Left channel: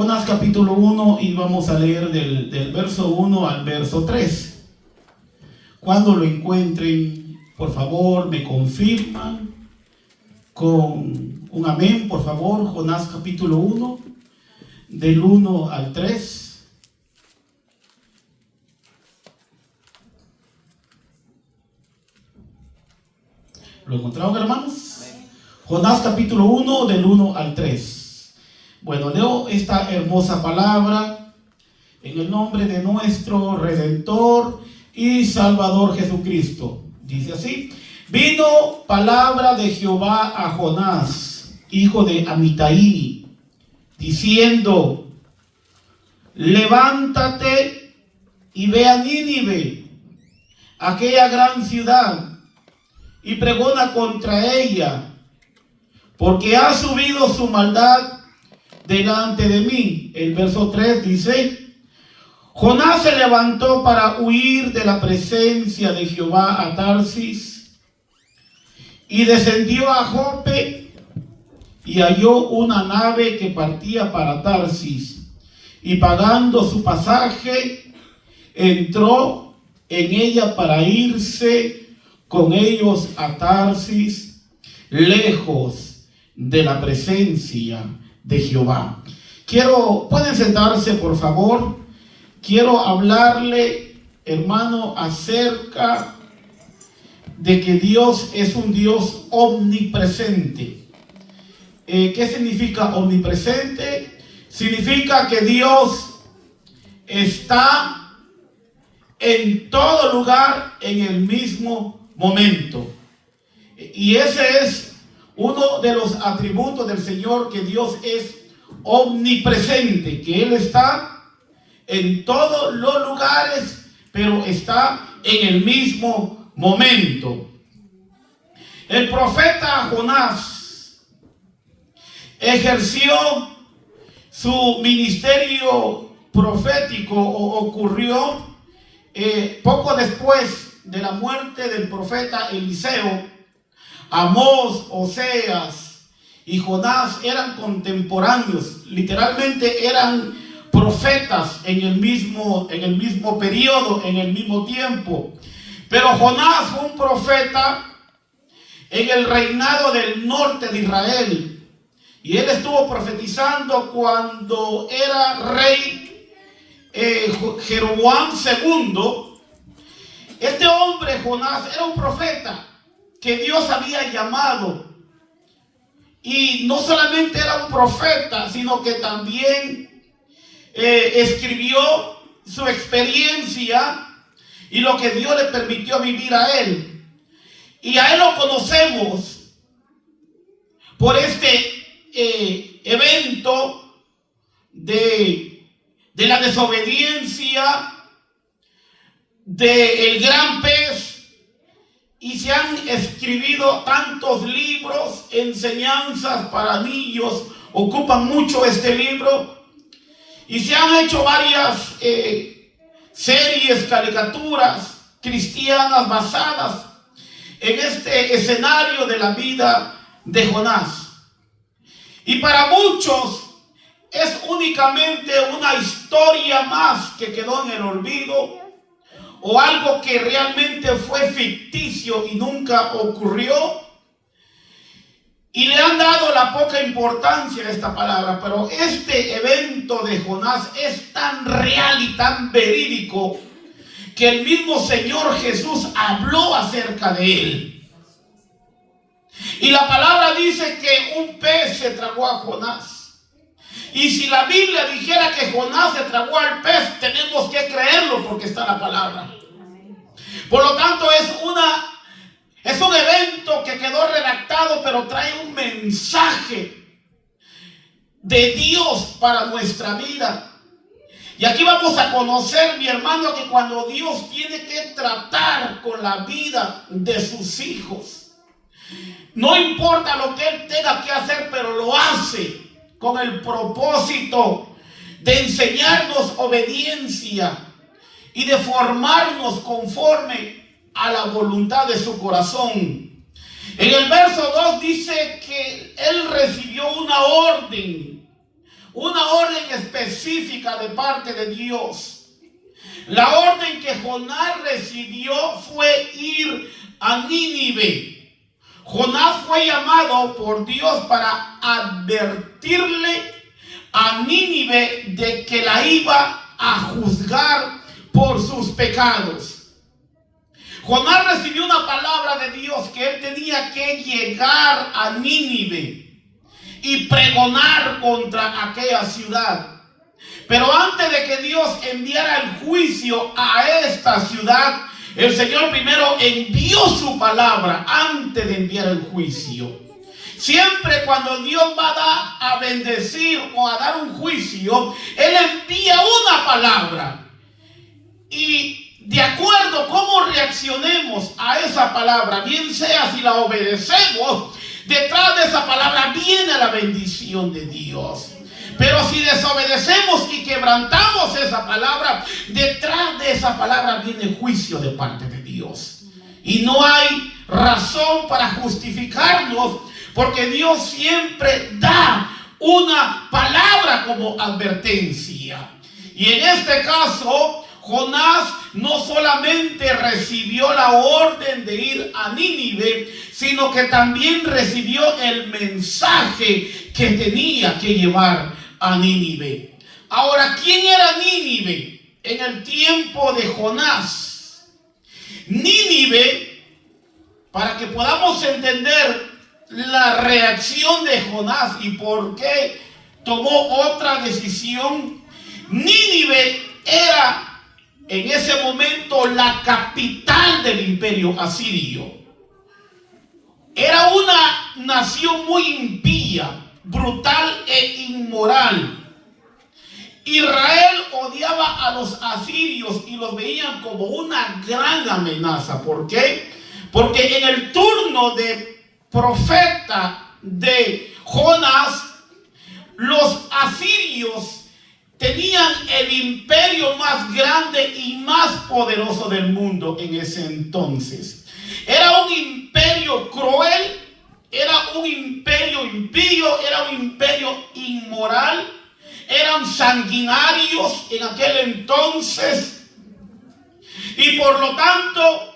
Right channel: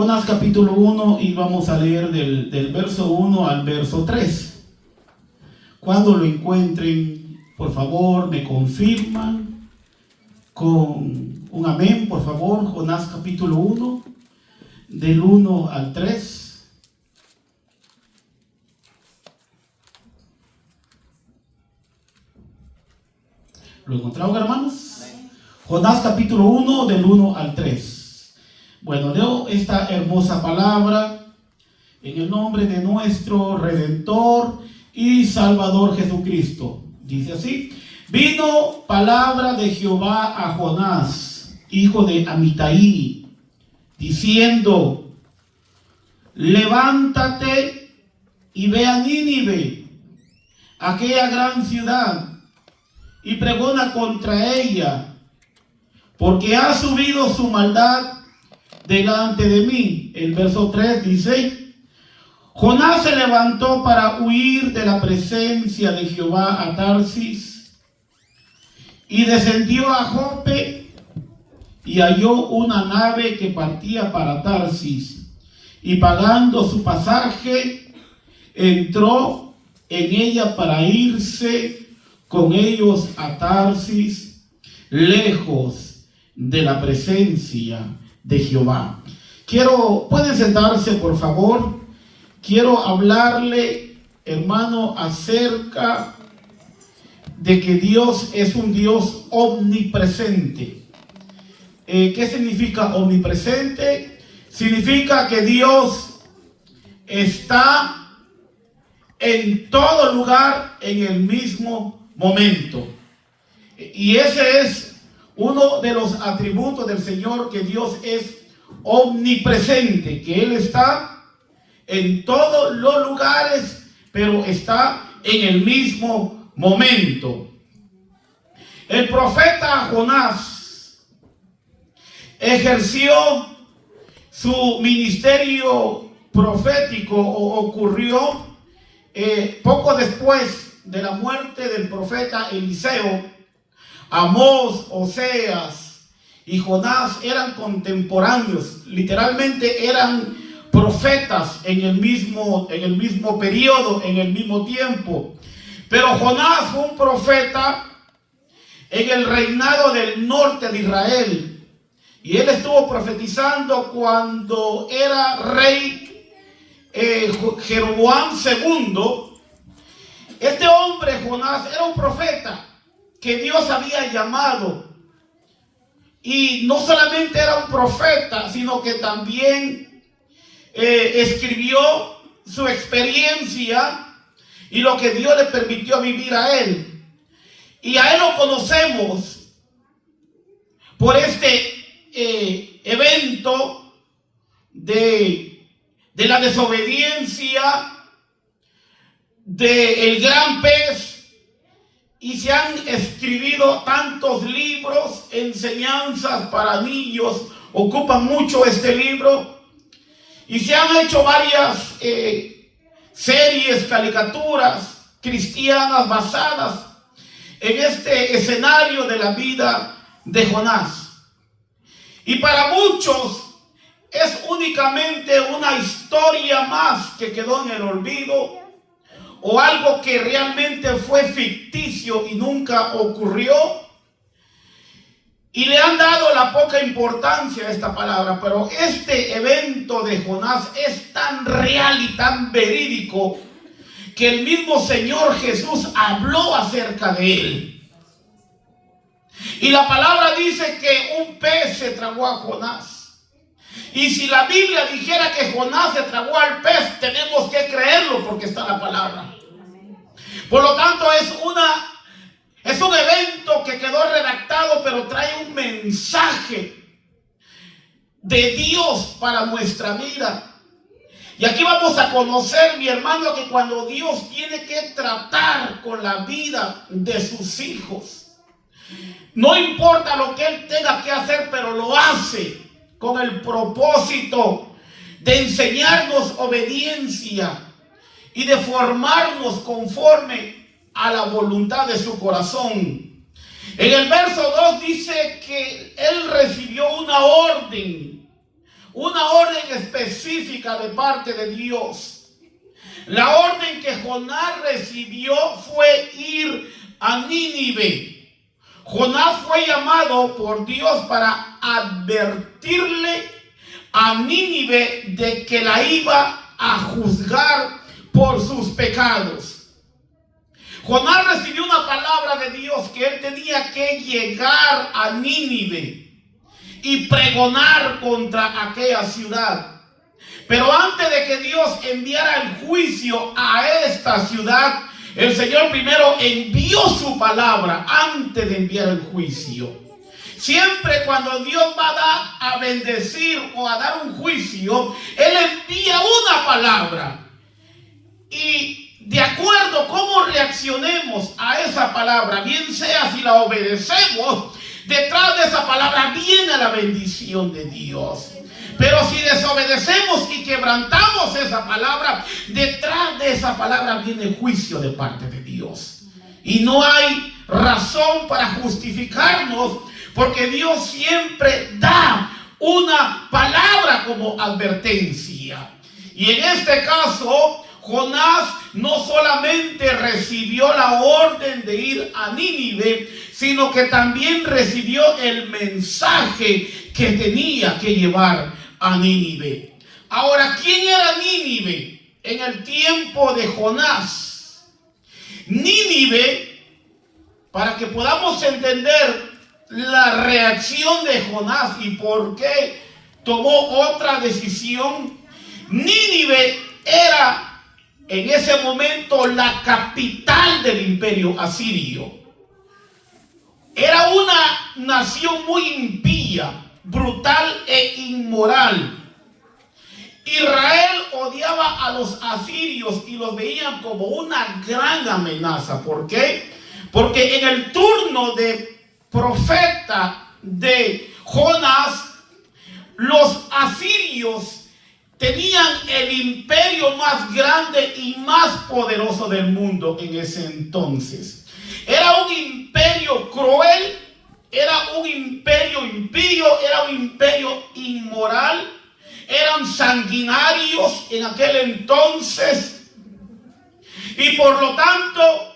Jonás capítulo 1 y vamos a leer del verso 1 al verso 3. Cuando lo encuentren, por favor, me confirman con un amén, por favor. Jonás capítulo 1, del 1 al 3. ¿Lo encontraron, hermanos? Jonás capítulo 1, del 1 al 3. Bueno, leo esta hermosa palabra en el nombre de nuestro Redentor y Salvador Jesucristo. Dice así: vino palabra de Jehová a Jonás, hijo de Amitai, diciendo: levántate y ve a Nínive, aquella gran ciudad, y pregona contra ella, porque ha subido su maldad delante de mí. El verso 3 dice: Jonás se levantó para huir de la presencia de Jehová a Tarsis, y descendió a Jope, y halló una nave que partía para Tarsis, y pagando su pasaje, entró en ella para irse con ellos a Tarsis, lejos de la presencia de Jehová. Pueden sentarse, por favor. Quiero hablarle, hermano, acerca de que Dios es un Dios omnipresente. ¿Qué significa omnipresente? Significa que Dios está en todo lugar en el mismo momento. Y ese es uno de los atributos del Señor, que Dios es omnipresente, que Él está en todos los lugares, pero está en el mismo momento. El profeta Jonás ejerció su ministerio profético, ocurrió poco después de la muerte del profeta Eliseo. Amós, Oseas y Jonás eran contemporáneos, literalmente eran profetas en el mismo periodo, en el mismo tiempo. Pero Jonás fue un profeta en el reinado del norte de Israel, y él estuvo profetizando cuando era rey Jeroboam II. Este hombre, Jonás, era un profeta que Dios había llamado, y no solamente era un profeta, sino que también escribió su experiencia y lo que Dios le permitió vivir a él. Y a él lo conocemos por este evento de la desobediencia del gran pez. Y se han escrito tantos libros, enseñanzas para niños, ocupan mucho este libro. Y se han hecho varias series, caricaturas cristianas basadas en este escenario de la vida de Jonás. Y para muchos es únicamente una historia más que quedó en el olvido, o algo que realmente fue ficticio y nunca ocurrió, y le han dado la poca importancia a esta palabra. Pero este evento de Jonás es tan real y tan verídico que el mismo Señor Jesús habló acerca de él. Y la palabra dice que un pez se tragó a Jonás. Y si la Biblia dijera que Jonás se tragó al pez, tenemos que creerlo, porque está la palabra. Por lo tanto, es un evento que quedó redactado, pero trae un mensaje de Dios para nuestra vida. Y aquí vamos a conocer, mi hermano, que cuando Dios tiene que tratar con la vida de sus hijos, no importa lo que Él tenga que hacer, pero lo hace con el propósito de enseñarnos obediencia y de formarnos conforme a la voluntad de su corazón. En el verso 2 dice que Él recibió una orden una orden específica de parte de Dios. La orden que Jonás recibió fue ir a Nínive. Jonás fue llamado por Dios para advertirle a Nínive de que la iba a juzgar por sus pecados. Jonás recibió una palabra de Dios que él tenía que llegar a Nínive y pregonar contra aquella ciudad. Pero antes de que Dios enviara el juicio a esta ciudad, el Señor primero envió su palabra antes de enviar el juicio. Siempre cuando Dios va a bendecir o a dar un juicio, Él envía una palabra. Y de acuerdo a cómo reaccionemos a esa palabra, bien sea si la obedecemos, detrás de esa palabra viene la bendición de Dios. Pero si desobedecemos y quebrantamos esa palabra, detrás de esa palabra viene juicio de parte de Dios. Y no hay razón para justificarnos, porque Dios siempre da una palabra como advertencia. Y en este caso, Jonás no solamente recibió la orden de ir a Nínive, sino que también recibió el mensaje que tenía que llevar a Nínive. Ahora, ¿quién era Nínive en el tiempo de Jonás? Nínive, para que podamos entender la reacción de Jonás y por qué tomó otra decisión, Nínive era en ese momento la capital del imperio asirio. Era una nación muy impía, brutal e inmoral. Israel odiaba a los asirios y los veían como una gran amenaza. ¿Por qué? Porque en el turno de profeta de Jonás, los asirios tenían el imperio más grande y más poderoso del mundo en ese entonces. Era un imperio cruel, era un imperio impío, era un imperio inmoral, eran sanguinarios en aquel entonces y por lo tanto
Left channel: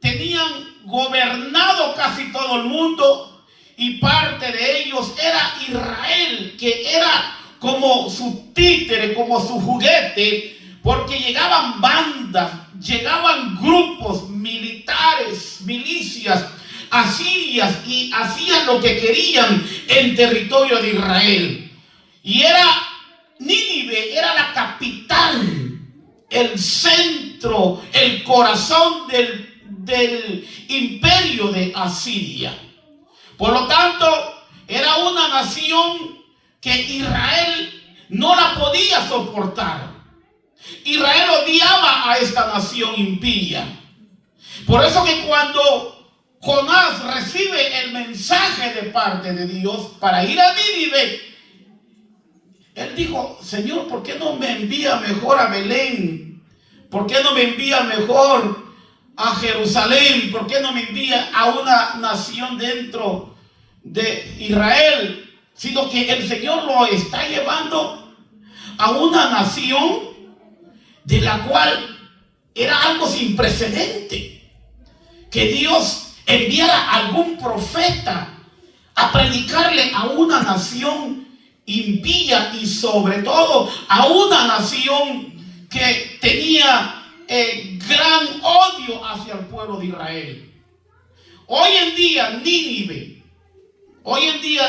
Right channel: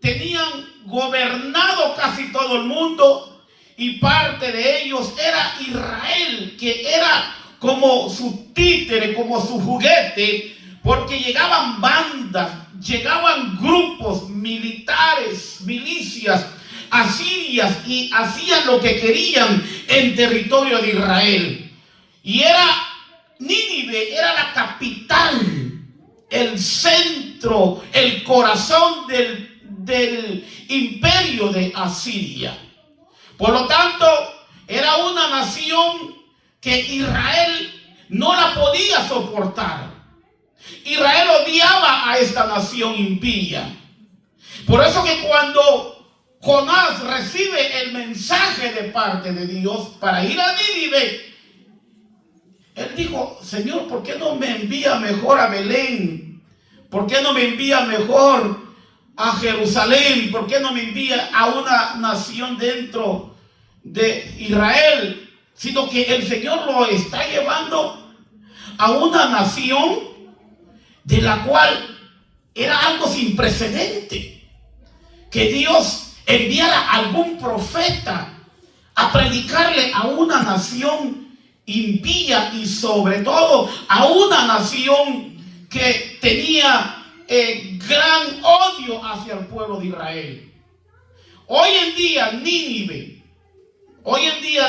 tenían gobernado casi todo el mundo y parte de ellos era Israel, que era como su títere, como su juguete, porque llegaban bandas, llegaban grupos militares, milicias asirias y hacían lo que querían en territorio de Israel. Y Nínive era la capital, el centro, el corazón del imperio de Asiria. Por lo tanto, era una nación que Israel no la podía soportar. Israel odiaba a esta nación impía. Por eso que cuando Jonás recibe el mensaje de parte de Dios para ir a Nínive, él dijo: Señor, ¿por qué no me envía mejor a Belén? ¿Por qué no me envía mejor a Jerusalén? ¿Por qué no me envía a una nación dentro de Israel? Sino que el Señor lo está llevando a una nación de la cual era algo sin precedente. Que Dios enviara a algún profeta a predicarle a una nación impía y sobre todo a una nación que tenía gran odio hacia el pueblo de Israel. Hoy en día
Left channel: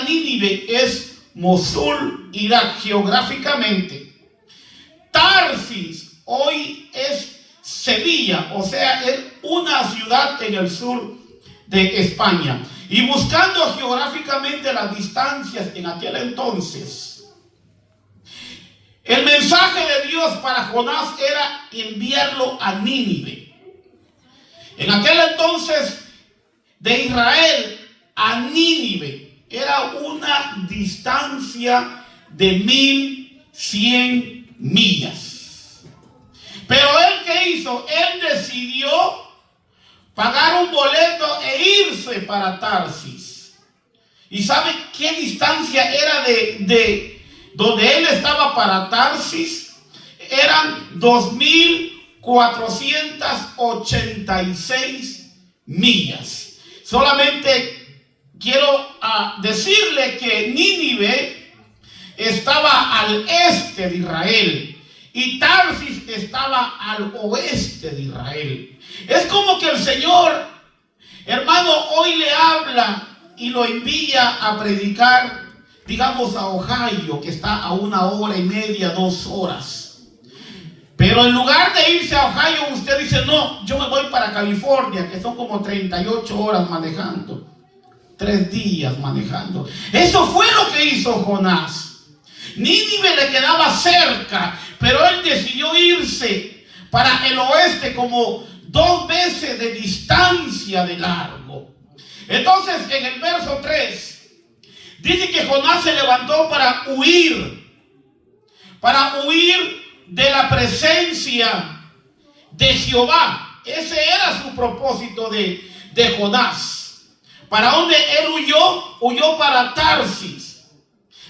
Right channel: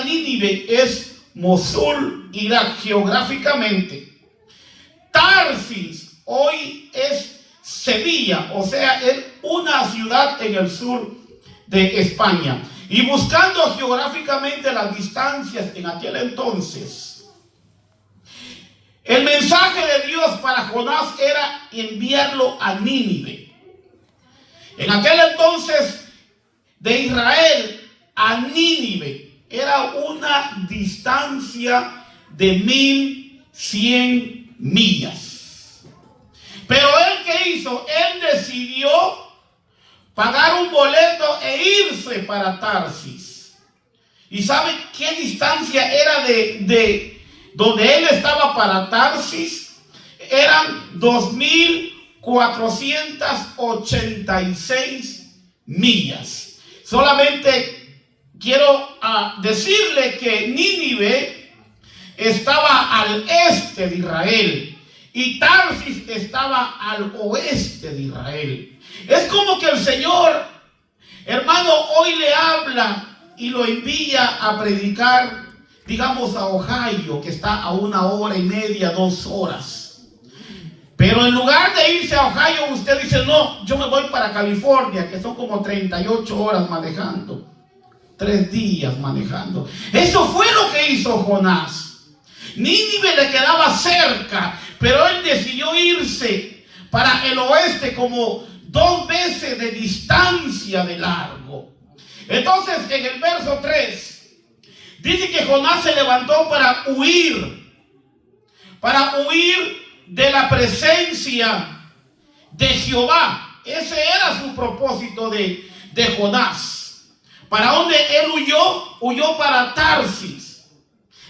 Nínive es Mosul, Irak, geográficamente. Tarsis hoy es Sevilla, o sea, es una ciudad en el sur de España. Y buscando geográficamente las distancias en aquel entonces, el mensaje de Dios para Jonás era enviarlo a Nínive. En aquel entonces, de Israel a Nínive era una distancia de 1100 millas. Pero él, ¿qué hizo? Él decidió pagar un boleto e irse para Tarsis. ¿Y sabe qué distancia era de donde él estaba para Tarsis, eran 2486 millas. Solamente quiero decirle que Nínive estaba al este de Israel y Tarsis estaba al oeste de Israel. Es como que el Señor, hermano, hoy le habla y lo envía a predicar, digamos, a Ohio, que está a 1 hora y media, 2 horas. Pero en lugar de irse a Ohio, usted dice, no, yo me voy para California, que son como 38 horas manejando. 3 días manejando. Eso fue lo que hizo Jonás. Nínive le quedaba cerca, pero él decidió irse para el oeste, como 2 veces de distancia de largo. Entonces, en el verso 3, dice que Jonás se levantó para huir de la presencia de Jehová. Ese era su propósito de Jonás. ¿Para dónde él huyó? Huyó para Tarsis.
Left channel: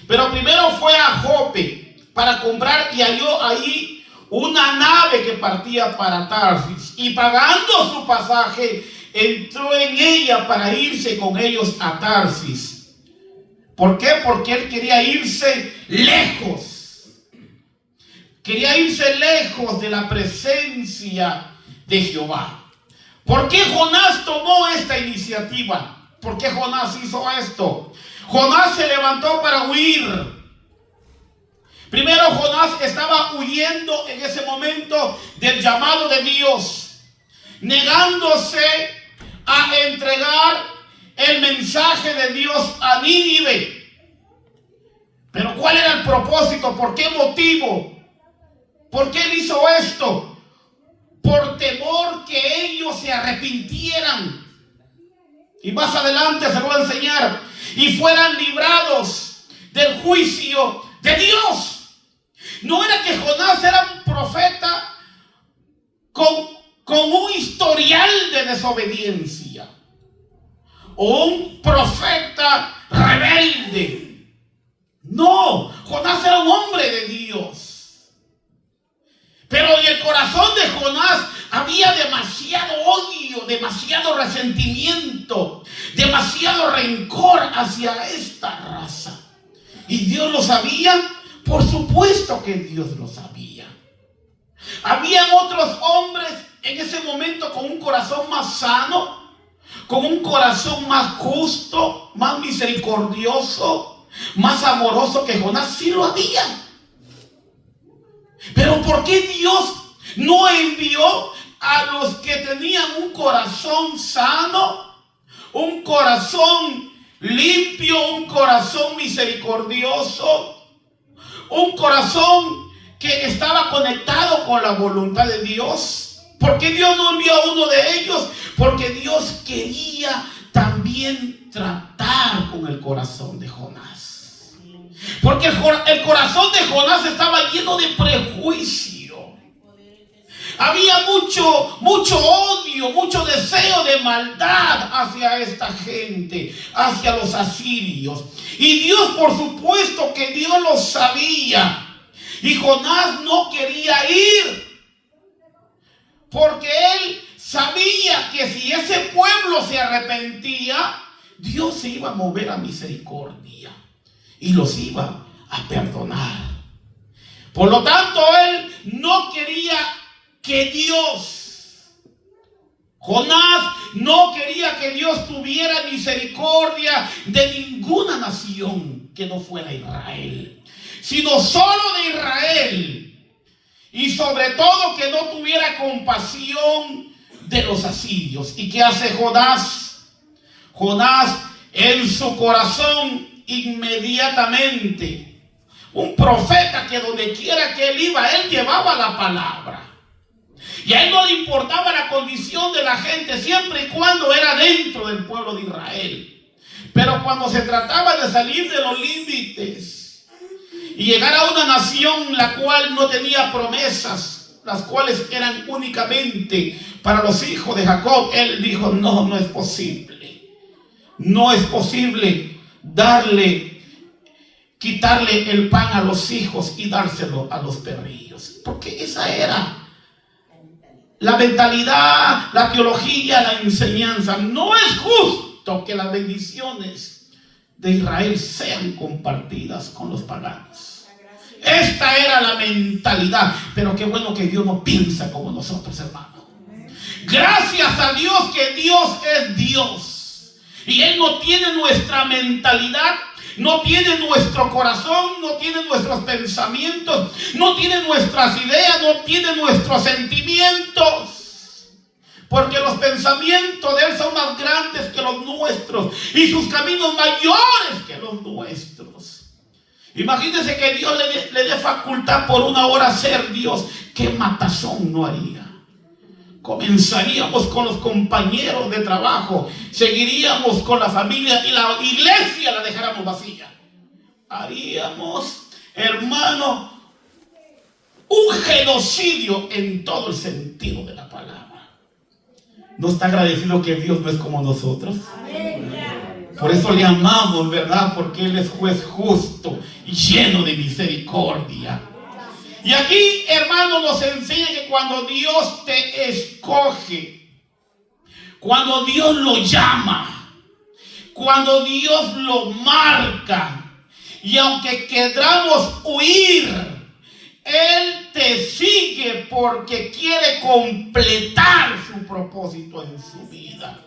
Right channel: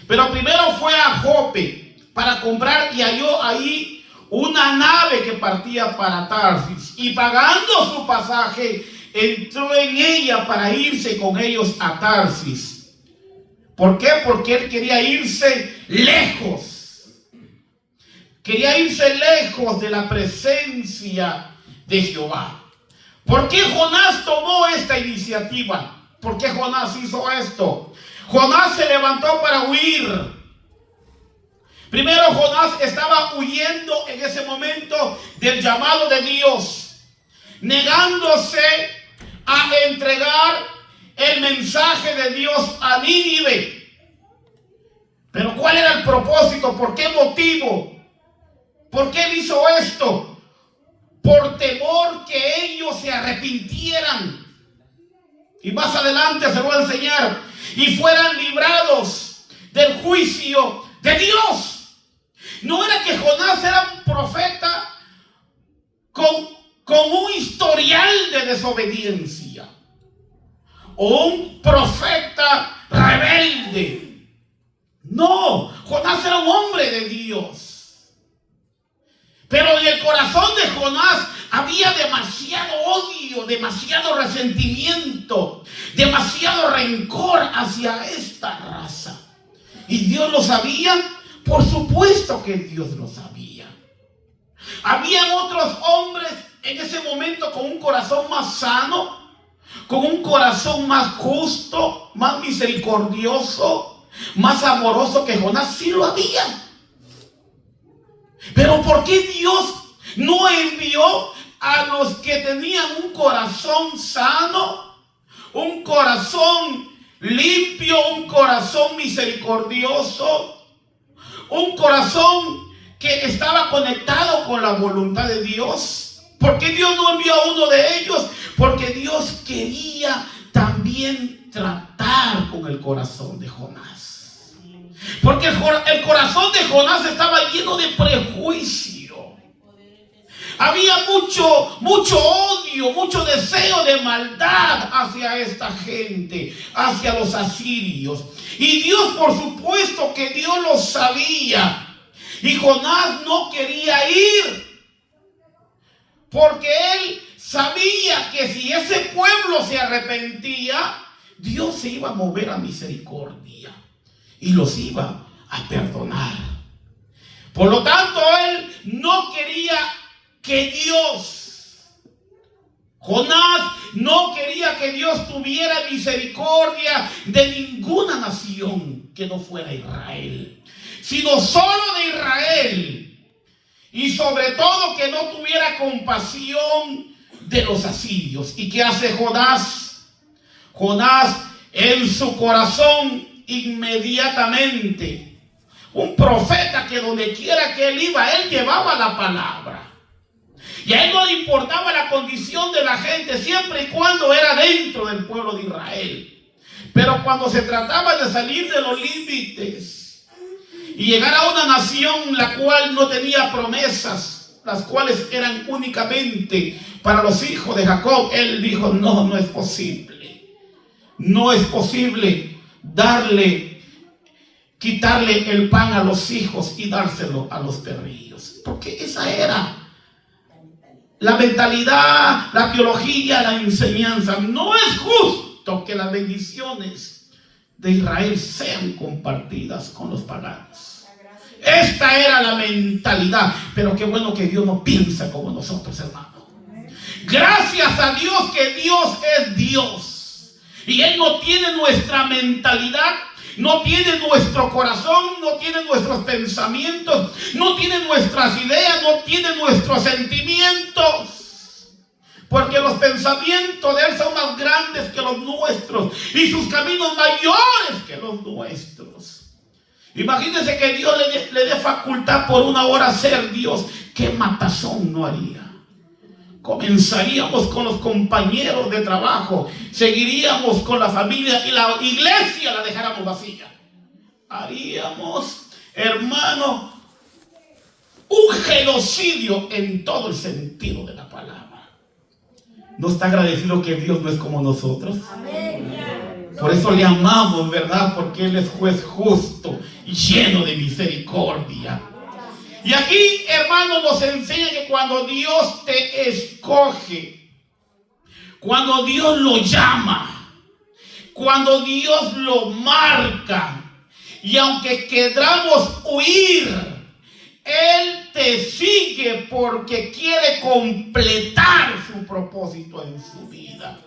Pero primero fue a Jope para comprar y halló ahí una nave que partía para Tarsis. Y pagando su pasaje, entró en ella para irse con ellos a Tarsis. ¿Por qué? Porque él quería irse lejos. Quería irse lejos de la presencia de Jehová. ¿Por qué Jonás tomó esta iniciativa? ¿Por qué Jonás hizo esto? Jonás se levantó para huir. Primero, Jonás estaba huyendo en ese momento del llamado de Dios, negándose a entregar el mensaje de Dios a Nínive. Pero ¿cuál era el propósito? ¿Por qué motivo? ¿Por qué él hizo esto? Por temor que ellos se arrepintieran. Y más adelante se lo voy a enseñar. Y fueran librados del juicio de Dios. No era que Jonás era un profeta con un historial de desobediencia, o un profeta rebelde. No, Jonás era un hombre de Dios. Pero en el corazón de Jonás había demasiado odio, demasiado resentimiento, demasiado rencor hacia esta raza. ¿Y Dios lo sabía? Por supuesto que Dios lo sabía. Habían otros hombres en ese momento con un corazón más sano, con un corazón más justo, más misericordioso, más amoroso que Jonás. Sí lo había. Pero ¿por qué Dios no envió a los que tenían un corazón sano, un corazón limpio, un corazón misericordioso, un corazón que estaba conectado con la voluntad de Dios? ¿Por qué Dios no envió a uno de ellos? Porque Dios quería también tratar con el corazón de Jonás. Porque el corazón de Jonás estaba lleno de prejuicio. Había mucho odio, mucho deseo de maldad hacia esta gente, hacia los asirios. Y Dios, por supuesto que Dios lo sabía. Y Jonás no quería ir, porque él sabía que si ese pueblo se arrepentía, Dios se iba a mover a misericordia y los iba a perdonar. Por lo tanto, él no quería que Jonás no quería que Dios tuviera misericordia de ninguna nación que no fuera Israel, sino solo de Israel. Y sobre todo que no tuviera compasión de los asirios. ¿Y qué hace Jonás? Jonás en su corazón inmediatamente, un profeta que donde quiera que él iba, él llevaba la palabra. Y a él no le importaba la condición de la gente, siempre y cuando era dentro del pueblo de Israel. Pero cuando se trataba de salir de los límites y llegar a una nación la cual no tenía promesas, las cuales eran únicamente para los hijos de Jacob, él dijo, no es posible. No es posible darle quitarle el pan a los hijos y dárselo a los perrillos. Porque esa era la mentalidad, la teología, la enseñanza. No es justo que las bendiciones de Israel sean compartidas con los paganos. Esta era la mentalidad. Pero qué bueno que Dios no piensa como nosotros, hermano. Gracias a Dios que Dios es Dios. Y Él no tiene nuestra mentalidad, no tiene nuestro corazón, no tiene nuestros pensamientos, no tiene nuestras ideas, no tiene nuestros sentimientos. Porque los pensamientos de Él son más grandes que los nuestros y sus caminos mayores que los nuestros. Imagínense que Dios le dé facultad por una hora ser Dios. ¿Qué matazón no haría? Comenzaríamos con los compañeros de trabajo, seguiríamos con la familia y la iglesia la dejáramos vacía. Haríamos, hermano, un genocidio en todo el sentido de la palabra. ¿No está agradecido que Dios no es como nosotros? Por eso le amamos, ¿verdad? Porque Él es juez justo y lleno de misericordia. Y aquí, hermano, nos enseña que cuando Dios te escoge, cuando Dios lo llama, cuando Dios lo marca, y aunque queramos huir, Él te sigue porque quiere completar su propósito en su vida.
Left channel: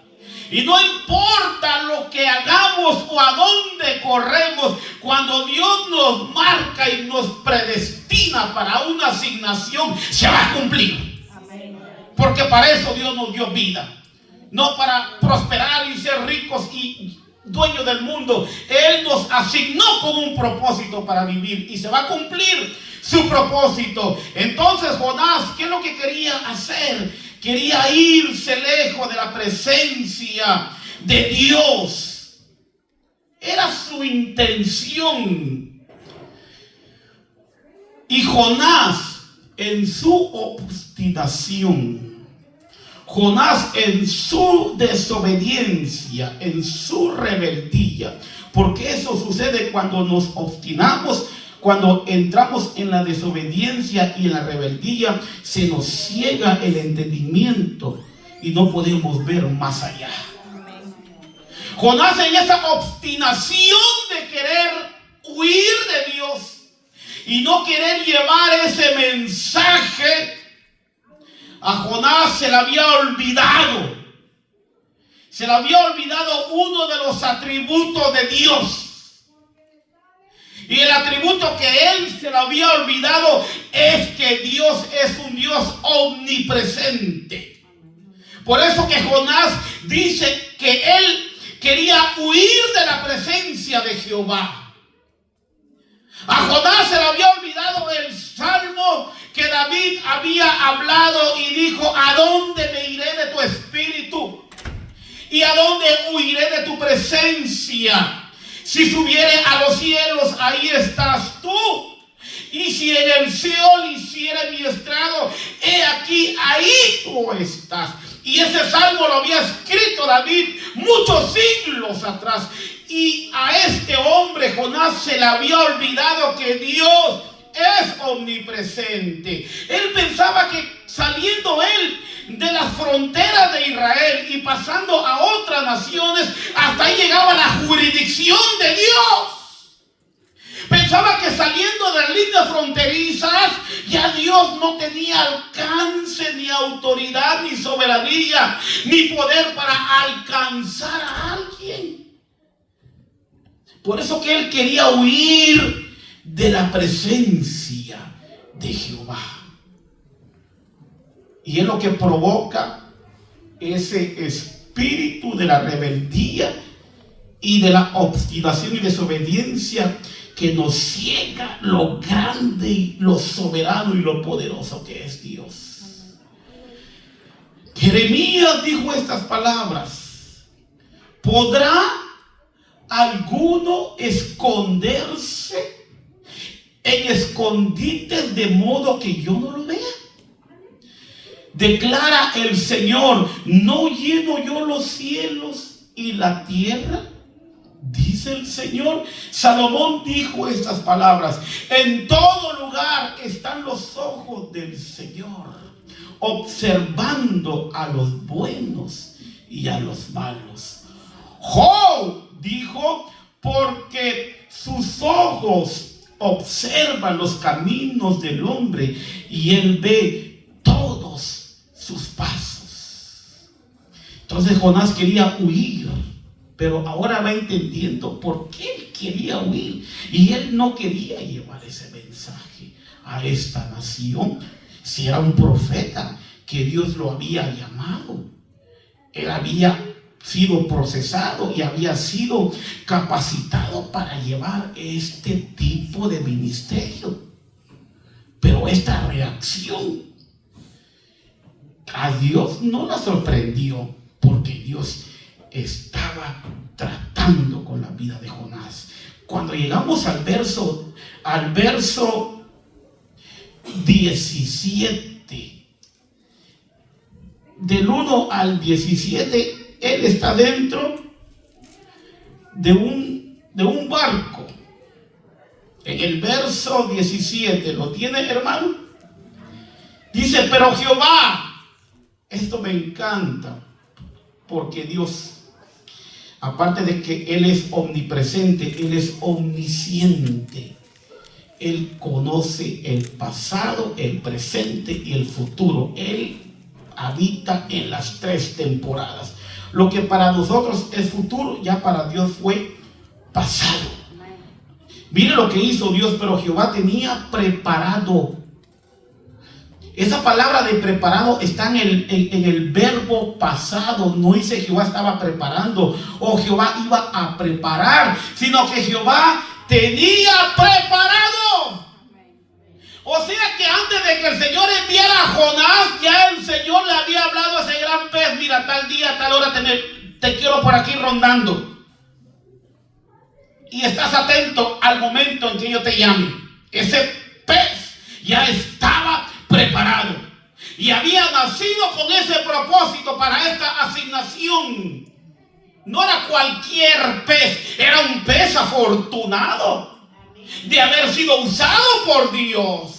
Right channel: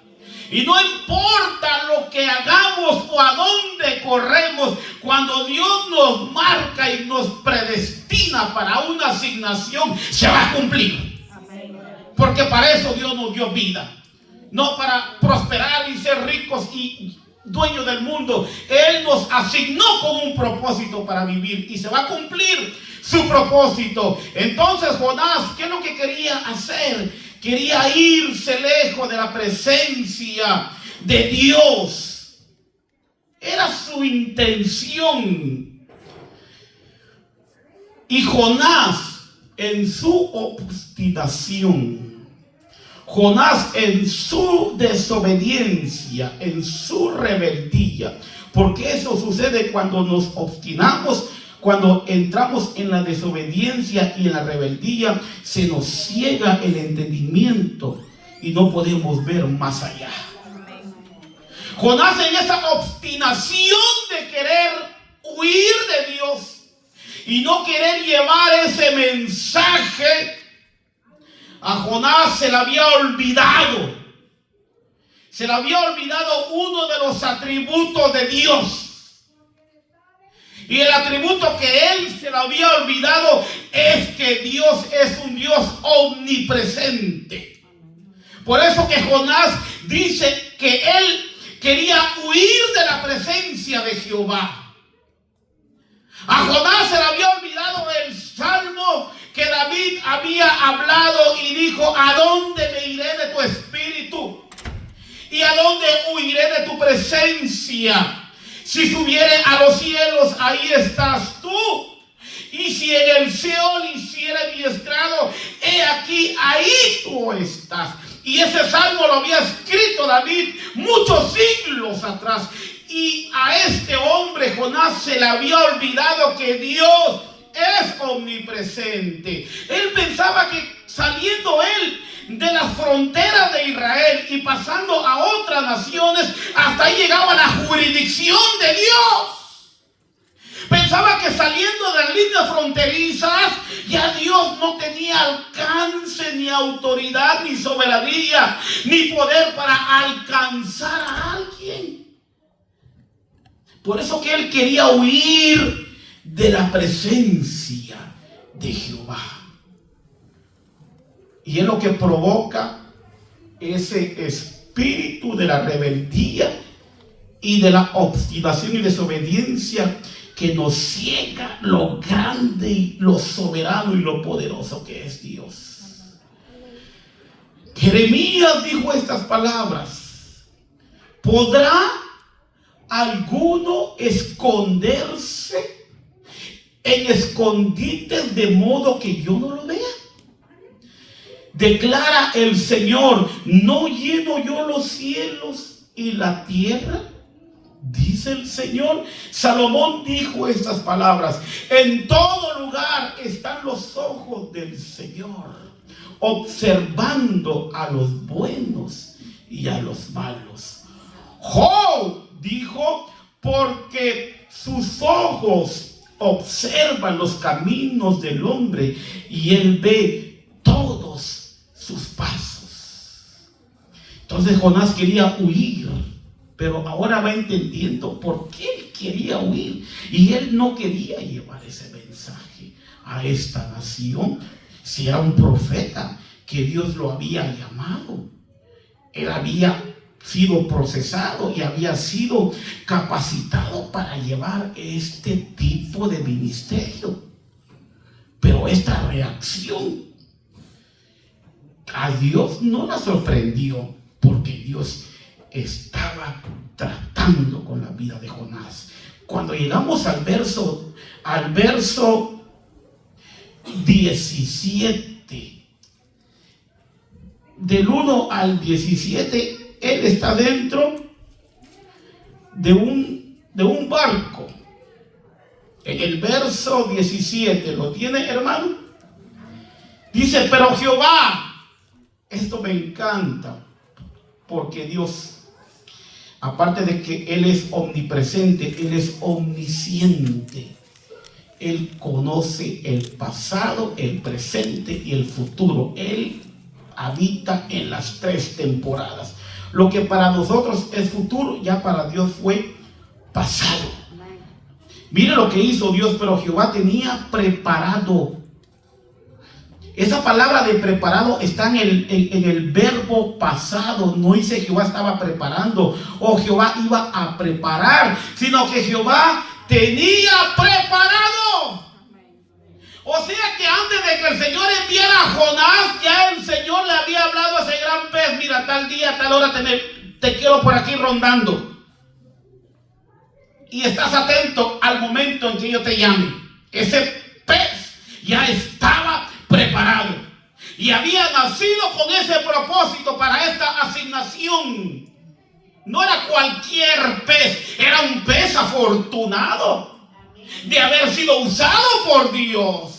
Y no importa lo que hagamos o a dónde corremos, cuando Dios nos marca y nos predestina para una asignación, se va a cumplir. Porque para eso Dios nos dio vida. No para prosperar y ser ricos y dueños del mundo. Él nos asignó con un propósito para vivir y se va a cumplir su propósito. Entonces Jonás, ¿qué es lo que quería hacer? Quería irse lejos de la presencia de Dios. Era su intención. Y Jonás, en su obstinación, Jonás en su desobediencia, en su rebeldía, porque eso sucede cuando nos obstinamos. Cuando entramos en la desobediencia y en la rebeldía, se nos ciega el entendimiento y no podemos ver más allá. Jonás, en esa obstinación de querer huir de Dios y no querer llevar ese mensaje, a Jonás se le había olvidado. Se le había olvidado uno de los atributos de Dios. Y el atributo que él se le había olvidado es que Dios es un Dios omnipresente. Por eso que Jonás dice que él quería huir de la presencia de Jehová. A Jonás se le había olvidado el salmo que David había hablado y dijo: ¿a dónde me iré de tu espíritu? ¿Y a dónde huiré de tu presencia? Si subiere a los cielos, ahí estás tú. Y si en el Seol hiciere mi estrado, he aquí, ahí tú estás. Y ese salmo lo había escrito David muchos siglos atrás. Y a este hombre, Jonás, se le había olvidado que Dios es omnipresente. Él pensaba que saliendo él de las fronteras de Israel y pasando a otras naciones, hasta ahí llegaba la jurisdicción de Dios. Pensaba que saliendo de las líneas fronterizas ya Dios no tenía alcance, ni autoridad, ni soberanía, ni poder para alcanzar a alguien. Por eso que él quería huir de la presencia de Jehová. Y es lo que provoca ese espíritu de la rebeldía y de la obstinación y desobediencia que nos ciega lo grande y lo soberano y lo poderoso que es Dios. Jeremías dijo estas palabras: ¿podrá alguno esconderse en escondites de modo que yo no lo vea? Declara el Señor: ¿no lleno yo los cielos y la tierra? dice el Señor. Salomón dijo estas palabras: en todo lugar están los ojos del Señor, observando a los buenos y a los malos. Job dijo: porque sus ojos observan los caminos del hombre y él ve todos sus pasos. Entonces Jonás quería huir, pero ahora va entendiendo por qué él quería huir. Y él no quería llevar ese mensaje a esta nación. Si era un profeta que Dios lo había llamado, él había sido procesado y había sido capacitado para llevar este tipo de ministerio. Pero esta reacción a Dios no la sorprendió, porque Dios estaba tratando con la vida de Jonás. Cuando llegamos al verso 17, del 1 al 17, él está dentro de un barco. En el verso 17, ¿lo tiene, hermano? Dice: pero Jehová, esto me encanta, porque Dios, aparte de que Él es omnipresente, Él es omnisciente. Él conoce el pasado, el presente y el futuro. Él habita en las tres temporadas. Lo que para nosotros es futuro, ya para Dios fue pasado. Mire lo que hizo Dios: pero Jehová tenía preparado. Esa palabra de preparado está en el verbo pasado. No dice Jehová estaba preparando o Jehová iba a preparar, sino que Jehová tenía preparado. O sea que antes de que el Señor enviara a Jonás, ya el Señor le había hablado a ese gran pez: mira, tal día, tal hora te quiero por aquí rondando. Y estás atento al momento en que yo te llame. Ese pez ya estaba preparado y había nacido con ese propósito para esta asignación. No era cualquier pez, era un pez afortunado de haber sido usado por Dios.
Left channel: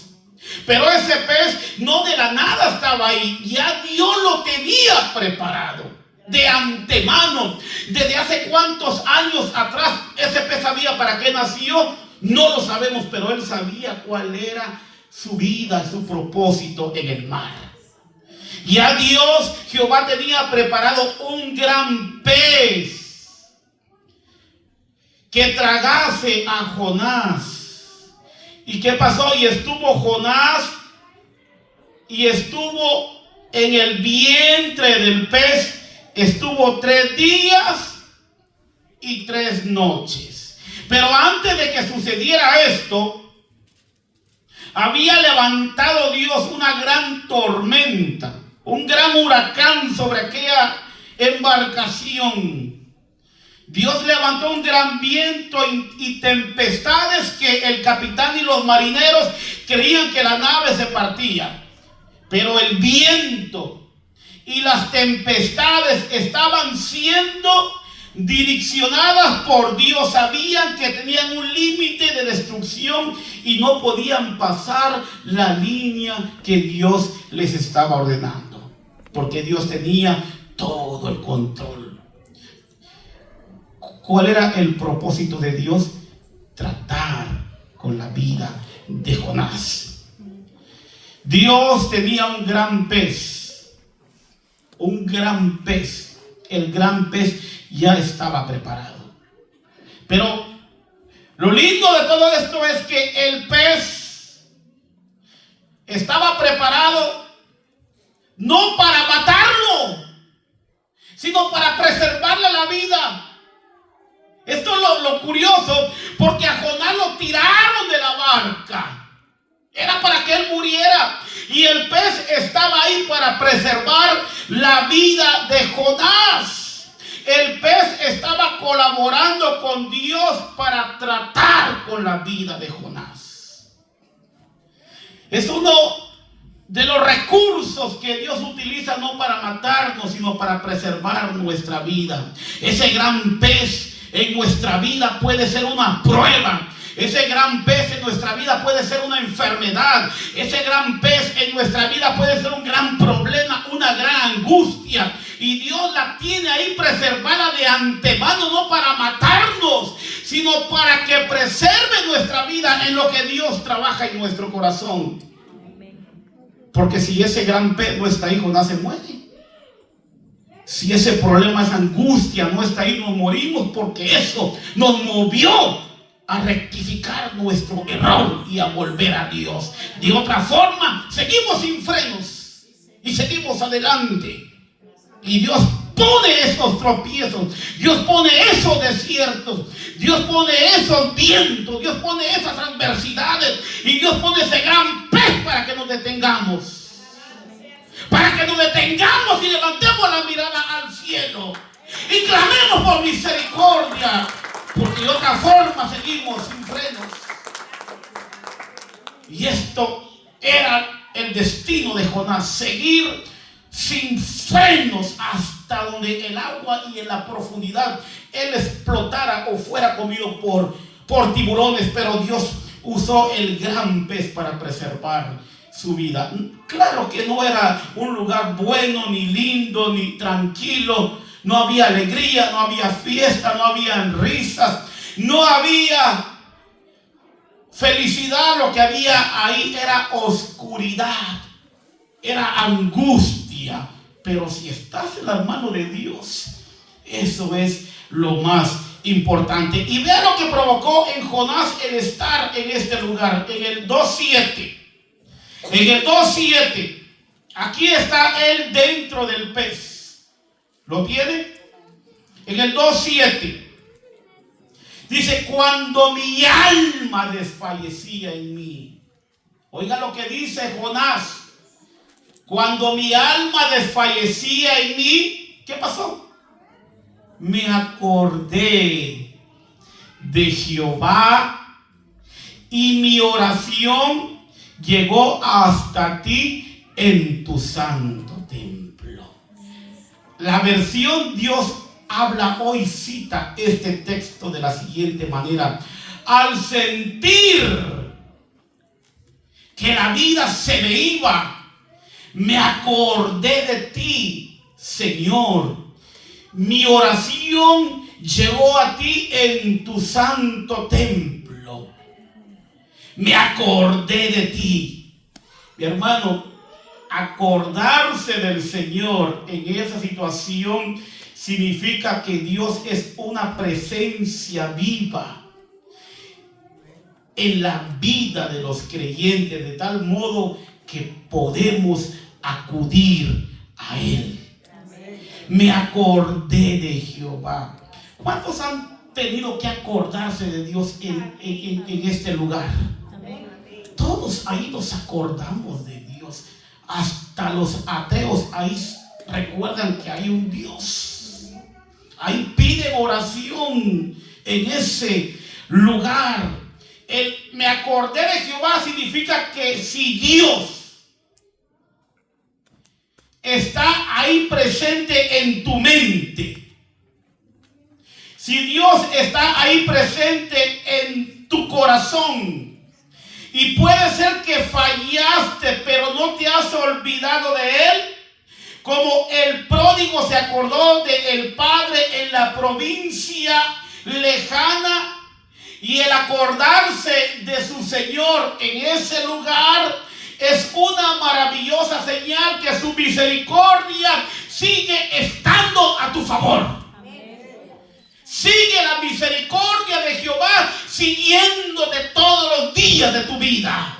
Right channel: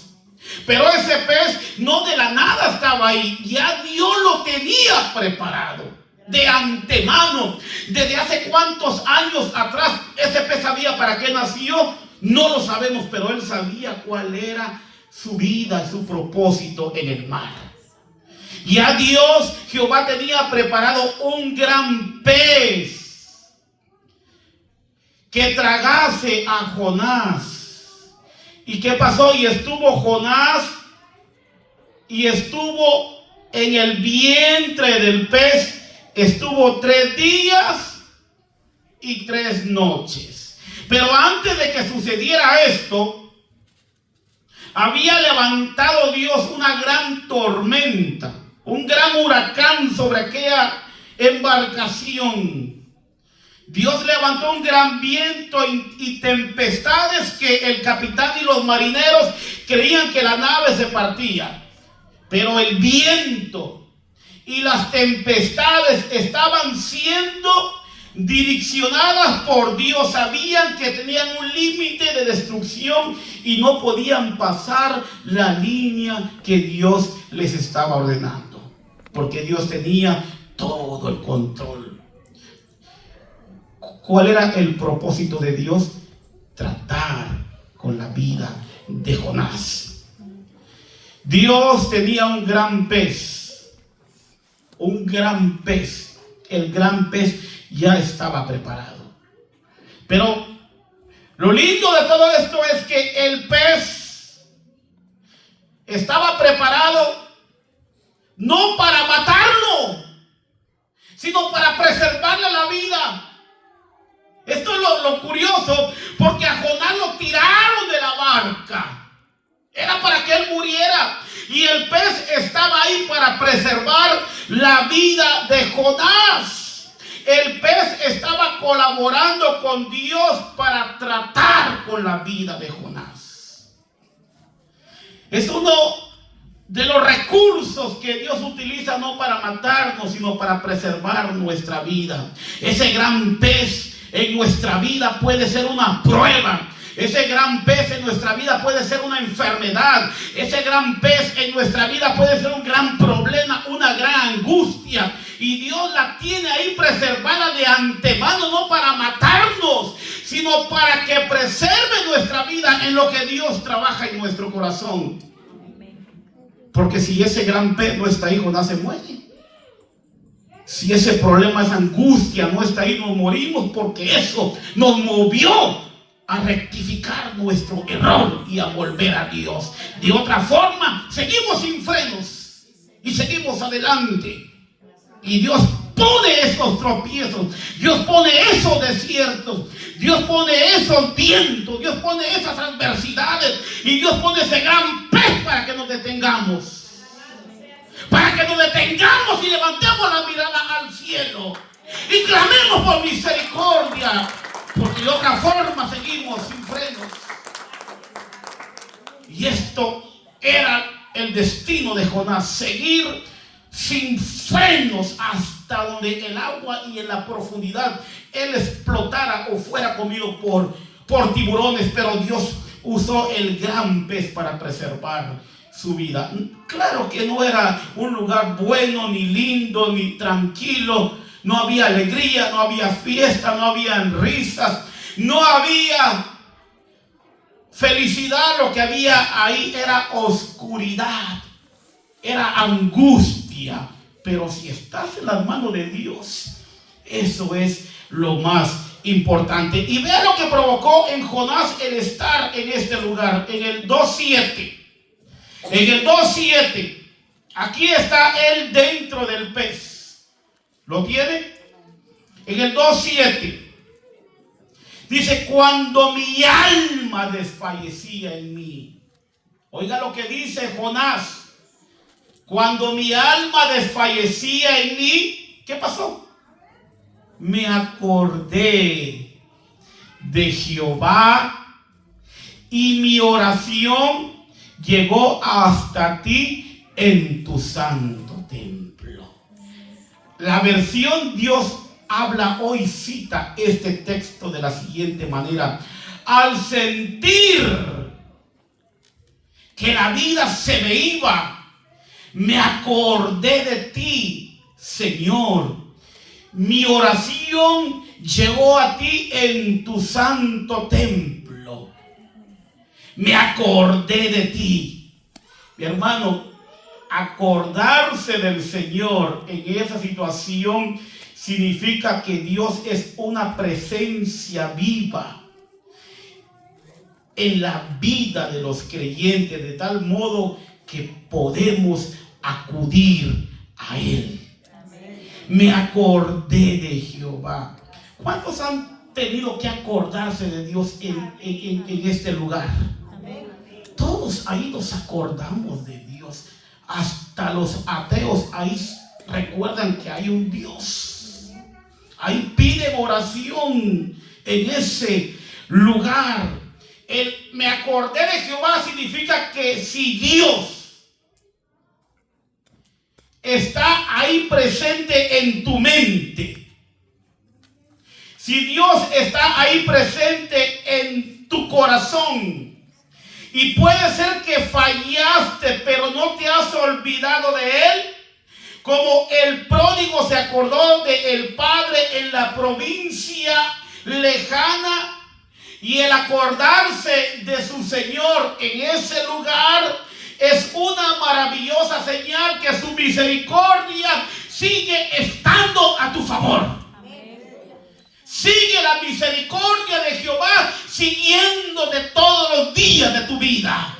Pero ese pez no de la nada estaba ahí, ya Dios lo tenía preparado de antemano. Desde hace cuántos años atrás ese pez sabía para qué nació, no lo sabemos, pero él sabía cuál era su vida, su propósito en el mar. Ya Dios, Jehová, tenía preparado un gran pez que tragase a Jonás. ¿Y qué pasó? Y estuvo Jonás y estuvo en el vientre del pez. Estuvo 3 días y 3 noches. Pero antes de que sucediera esto, había levantado Dios una gran tormenta, un gran huracán sobre aquella embarcación. Dios levantó un gran viento y tempestades que el capitán y los marineros creían que la nave se partía. Pero el viento y las tempestades estaban siendo direccionadas por Dios. Sabían que tenían un límite de destrucción y no podían pasar la línea que Dios les estaba ordenando, porque Dios tenía todo el control. ¿Cuál era el propósito de Dios? Tratar con la vida de Jonás. Dios tenía un gran pez. Un gran pez. El gran pez ya estaba preparado. Pero lo lindo de todo esto es que el pez estaba preparado no para matarlo, sino para preservarle la vida. Esto es lo curioso, porque a Jonás lo tiraron de la barca. Era para que él muriera. Y el pez estaba ahí para preservar la vida de Jonás. El pez estaba colaborando con Dios para tratar con la vida de Jonás. Es uno de los recursos que Dios utiliza, no para matarnos, sino para preservar nuestra vida. Ese gran pez en nuestra vida puede ser una prueba. Ese gran pez en nuestra vida puede ser una enfermedad. Ese gran pez en nuestra vida puede ser un gran problema, una gran angustia. Y Dios la tiene ahí preservada de antemano, no para matarnos, sino para que preserve nuestra vida en lo que Dios trabaja en nuestro corazón. Porque si ese gran pez no está ahí, Jonás se muere. Si ese problema, esa angustia no está ahí, nos morimos, porque eso nos movió a rectificar nuestro error y a volver a Dios. De otra forma, seguimos sin frenos y seguimos adelante. Y Dios pone esos tropiezos, Dios pone esos desiertos, Dios pone esos vientos, Dios pone esas adversidades, y Dios pone ese gran pez para que nos detengamos. Para que nos detengamos y levantemos la mirada al cielo y clamemos por misericordia. Porque de otra forma seguimos sin frenos. Y esto era el destino de Jonás: seguir sin frenos hasta donde el agua y en la profundidad él explotara o fuera comido por tiburones. Pero Dios usó el gran pez para preservar su vida. Claro que no era un lugar bueno, ni lindo, ni tranquilo. No había alegría, no había fiesta, no había risas, no había felicidad. Lo que había ahí era oscuridad, era angustia. Pero si estás en las manos de Dios, eso es lo más importante. Y vea lo que provocó en Jonás el estar en este lugar. En el 2:7. En el 2:7. Aquí está él dentro del pez. ¿Lo tiene? En el 2:7 dice: cuando mi alma desfallecía en mí. Oiga lo que dice Jonás: cuando mi alma desfallecía en mí, ¿qué pasó? Me acordé de Jehová y mi oración llegó hasta ti en tu santo templo. La versión Dios habla hoy cita este texto de la siguiente manera: al sentir que la vida se me iba, me acordé de ti, Señor. Mi oración llegó a ti en tu santo templo. Me acordé de ti. Mi hermano, acordarse del Señor en esa situación significa que Dios es una presencia viva en la vida de los creyentes, de tal modo que podemos acudir a Él. Me acordé de Jehová. ¿Cuántos han tenido que acordarse de Dios en este lugar? Todos ahí nos acordamos de Dios. Hasta los ateos ahí recuerdan que hay un Dios. Ahí piden oración en ese lugar. El me acordé de Jehová significa que si Dios está ahí presente en tu mente, si Dios está ahí presente en tu corazón, y puede ser que fallaste, pero no te has olvidado de Él, como el pródigo se acordó del padre en la provincia lejana, y el acordarse de su Señor en ese lugar es una maravillosa señal que su misericordia sigue estando a tu favor. Sigue la misericordia de Jehová siguiéndote todos los días de tu vida.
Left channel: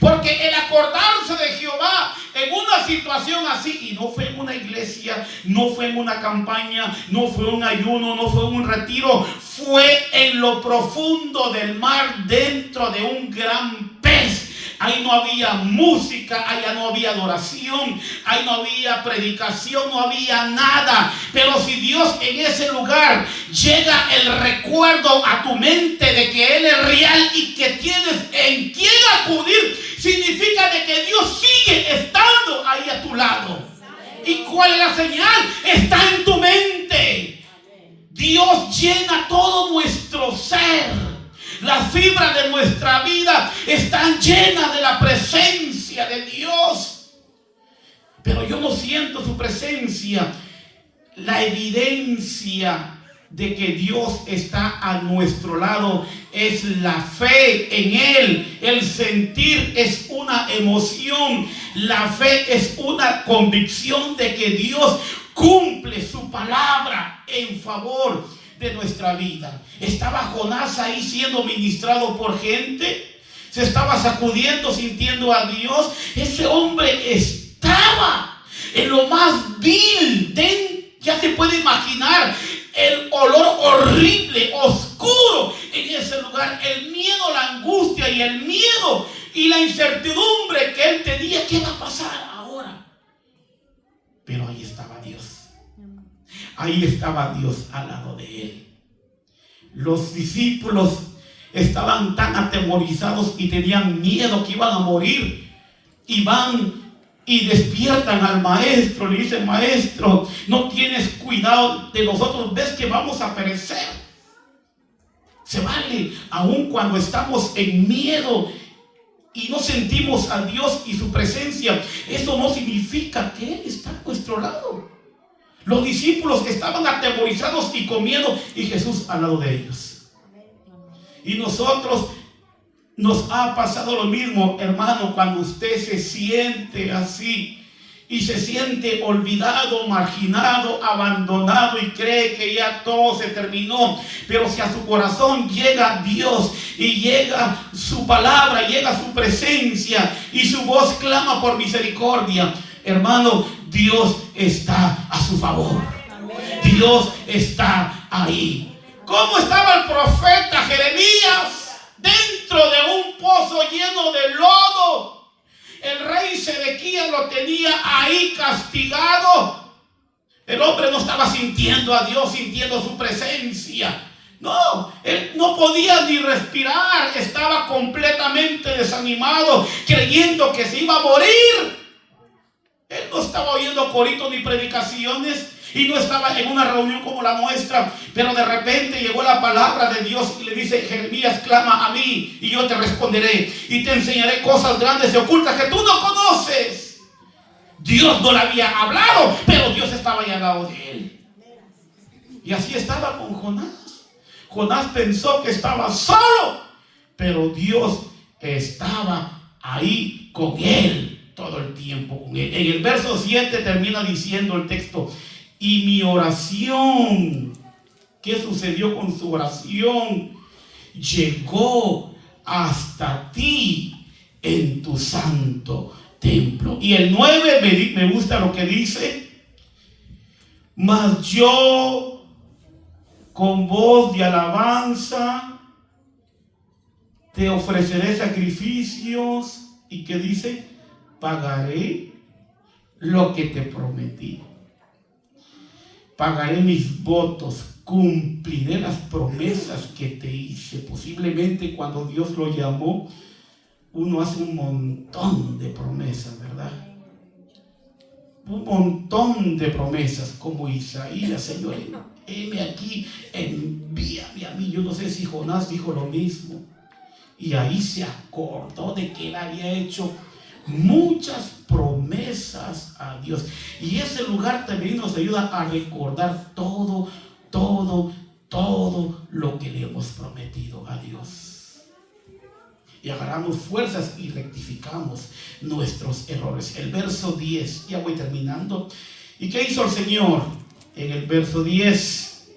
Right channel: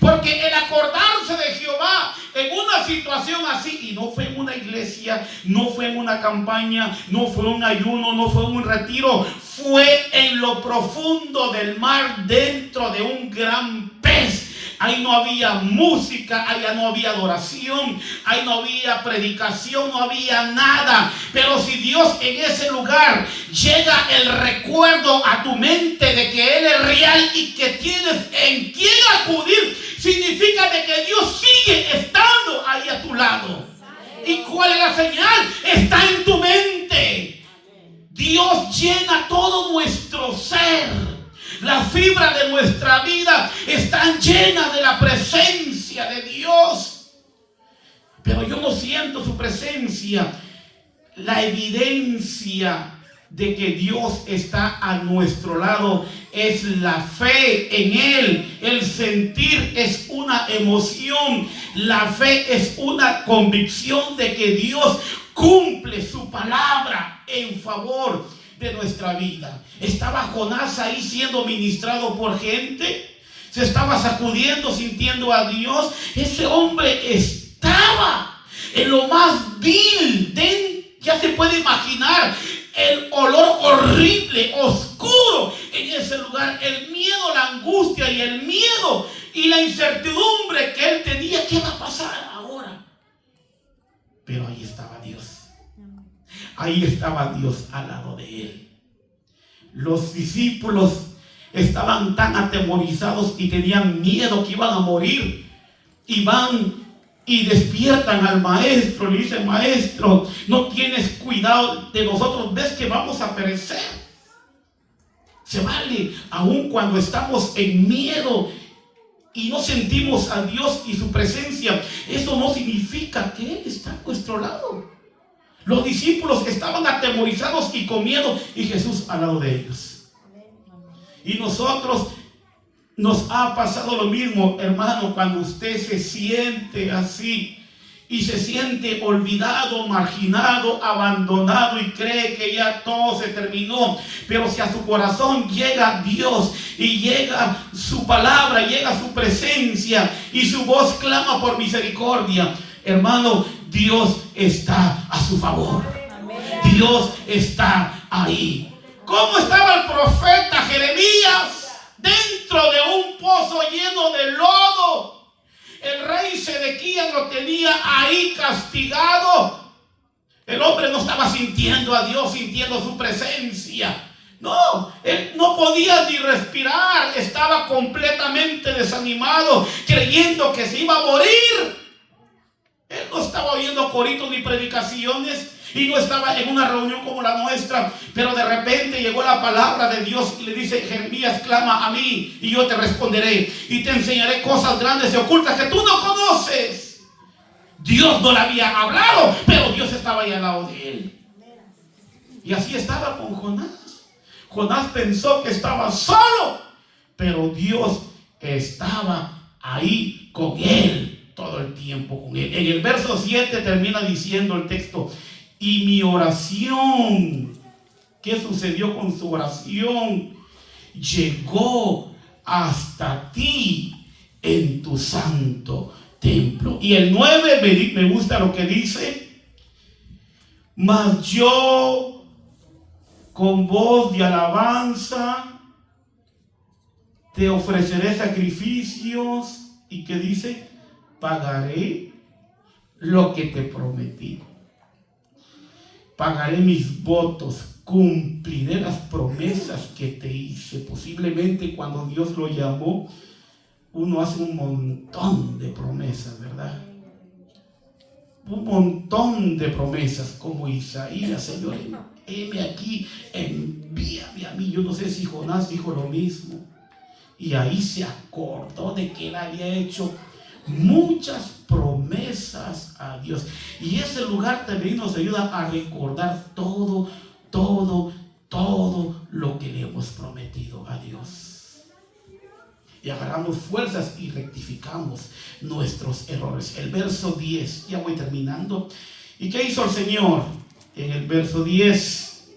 Porque el acordarse de Jehová en una situación así, y no fue en una iglesia, no fue en una campaña, no fue un ayuno, no fue un retiro, fue en lo profundo del mar, dentro de un gran pez. Ahí no había música, allá no había adoración, ahí no había predicación, no había nada. Pero si Dios en ese lugar llega el recuerdo a tu mente de que Él es real y que tienes en quién acudir, significa de que Dios sigue estando ahí a tu lado. ¿Y cuál es la señal? Está en tu mente. Dios llena todo nuestro ser. Las fibras de nuestra vida están llenas de la presencia de Dios. Pero yo no siento su presencia. La evidencia de que Dios está a nuestro lado es la fe en Él. El sentir es una emoción. La fe es una convicción de que Dios cumple su palabra en favor de nuestra vida. Estaba Jonás ahí siendo ministrado por gente. Se estaba sacudiendo, sintiendo a Dios. Ese hombre estaba en lo más vil. Ya se puede imaginar el olor horrible, oscuro en ese lugar. El miedo, la angustia y el miedo y la incertidumbre que él tenía. ¿Qué va a pasar ahora? Pero ahí estaba Dios. Ahí estaba Dios al lado de él. Los discípulos estaban tan atemorizados y tenían miedo que iban a morir. Y van y despiertan al maestro. Le dicen: maestro, no tienes cuidado de nosotros, ves que vamos a perecer. Se vale, aun cuando estamos en miedo y no sentimos a Dios y su presencia, eso no significa que Él está a nuestro lado. Los discípulos estaban atemorizados y con miedo, y Jesús al lado de ellos. Y nosotros nos ha pasado lo mismo, hermano, cuando usted se siente así y se siente olvidado, marginado, abandonado y cree que ya todo se terminó. Pero si a su corazón llega Dios y llega su palabra, llega su presencia y su voz clama por misericordia, hermano, Dios está a su favor. Dios está ahí. ¿Cómo estaba el profeta Jeremías? Dentro de un pozo lleno de lodo. El rey Sedequías lo tenía ahí castigado. El hombre no estaba sintiendo a Dios, sintiendo su presencia. No, él no podía ni respirar. Estaba completamente desanimado, creyendo que se iba a morir. Él no estaba oyendo coritos ni predicaciones y no estaba en una reunión como la nuestra. Pero de repente llegó la palabra de Dios y le dice: Jeremías, clama a mí y yo te responderé y te enseñaré cosas grandes y ocultas que tú no conoces. Dios no le había hablado, pero Dios estaba ahí al lado de él. Y así estaba con Jonás. Jonás pensó que estaba solo, pero Dios estaba ahí con él. Todo el tiempo con él. En el verso 7 termina diciendo el texto: y mi oración, ¿qué sucedió con su oración? Llegó hasta ti en tu santo templo. Y el 9 me gusta lo que dice: mas yo con voz de alabanza te ofreceré sacrificios. ¿Y qué dice? Pagaré lo que te prometí. Pagaré mis votos. Cumpliré las promesas que te hice. Posiblemente cuando Dios lo llamó, uno hace un montón de promesas, ¿verdad? Un montón de promesas, como Isaías: Señor, heme aquí, envíame a mí. Yo no sé si Jonás dijo lo mismo. Y ahí se acordó de que él había hecho muchas promesas a Dios. Y ese lugar también nos ayuda a recordar todo lo que le hemos prometido a Dios. Y agarramos fuerzas y rectificamos nuestros errores. El verso 10, ya voy terminando. ¿Y qué hizo el Señor? En el verso 10:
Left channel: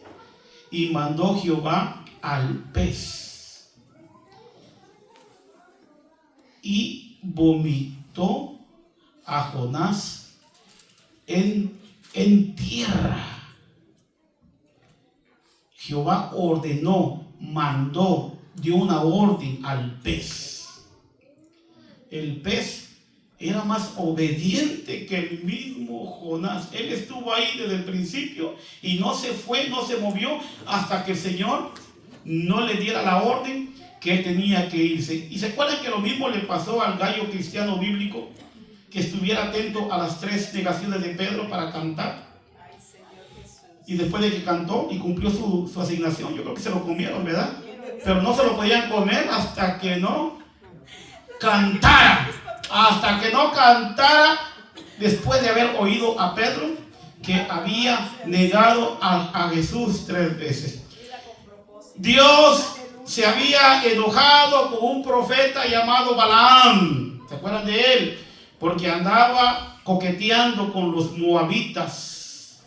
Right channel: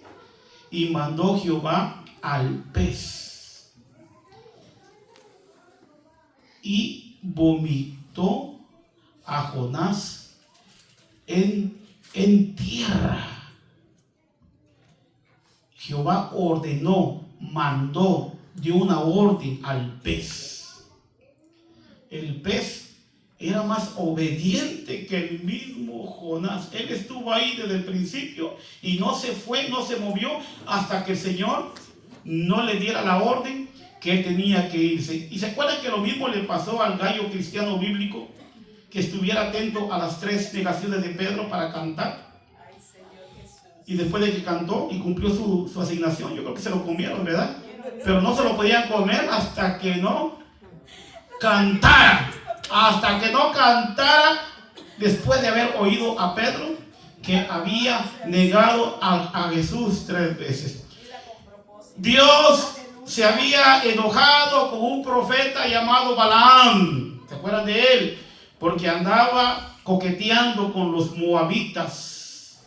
y mandó Jehová al pez, y vomitó a Jonás en tierra. Jehová ordenó, mandó, dio una orden al pez. El pez era más obediente que el mismo Jonás. Él estuvo ahí desde el principio y no se fue, no se movió hasta que el Señor no le diera la orden que tenía que irse. Y se acuerdan que lo mismo le pasó al gallo cristiano bíblico, que estuviera atento a las 3 negaciones de Pedro para cantar. Y después de que cantó y cumplió su asignación, yo creo que se lo comieron, ¿verdad? Pero no se lo podían comer hasta que no cantara. Hasta que no cantara, después de haber oído a Pedro que había negado a Jesús 3 veces. Dios se había enojado con un profeta llamado Balaam. ¿Se acuerdan de él? Porque andaba coqueteando con los moabitas,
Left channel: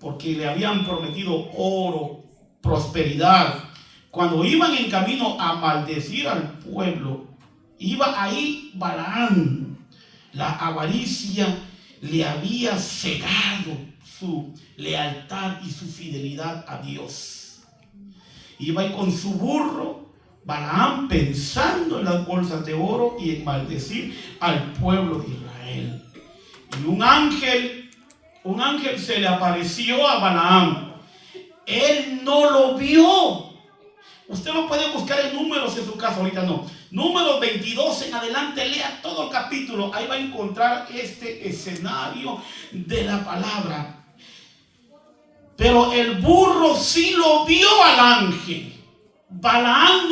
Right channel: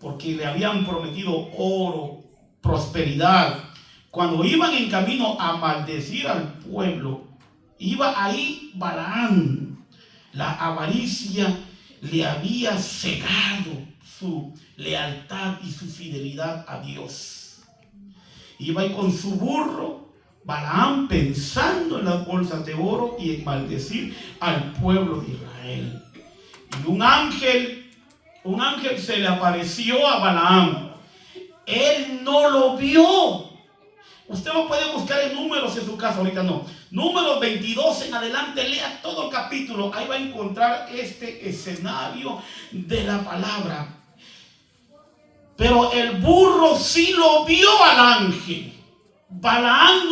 porque le habían prometido oro, prosperidad. Cuando iban en camino a maldecir al pueblo, iba ahí Balaam. La avaricia le había cegado su lealtad y su fidelidad a Dios. Iba ahí con su burro, Balaam, pensando en las bolsas de oro y en maldecir al pueblo de Israel. Y un ángel se le apareció a Balaam. Él no lo vio. Usted lo puede buscar en Números en su casa, ahorita no. Números 22 en adelante, lea todo el capítulo. Ahí va a encontrar este escenario de la palabra. Pero el burro sí lo vio al ángel. Balaam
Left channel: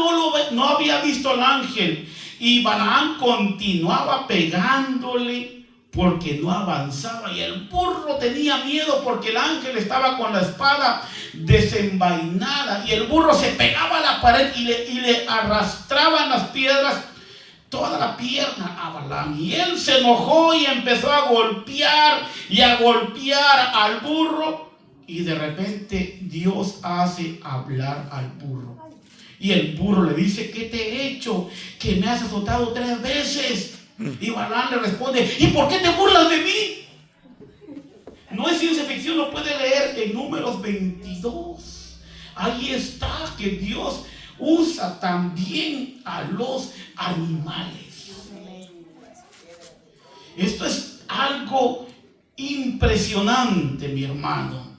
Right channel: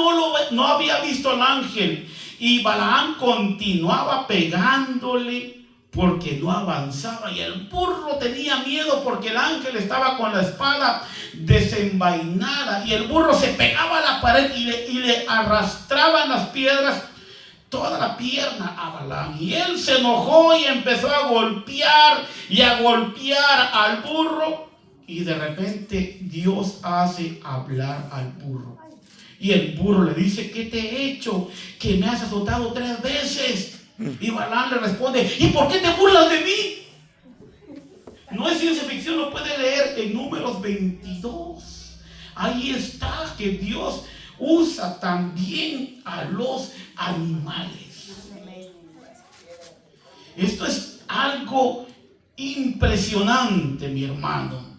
no había visto al ángel. Y Balaam continuaba pegándole porque no avanzaba. Y el burro tenía miedo porque el ángel estaba con la espada desenvainada. Y el burro se pegaba a la pared y le arrastraban las piedras toda la pierna a Balaam. Y él se enojó y empezó a golpear al burro. Y de repente Dios hace hablar al burro. Y el burro le dice: ¿qué te he hecho? Que me has azotado 3 veces. Y Balaam le responde: ¿y por qué te burlas de mí? No es ciencia ficción, lo puede leer en Números 22. Ahí está que Dios usa también a los animales. Esto es algo impresionante, mi hermano.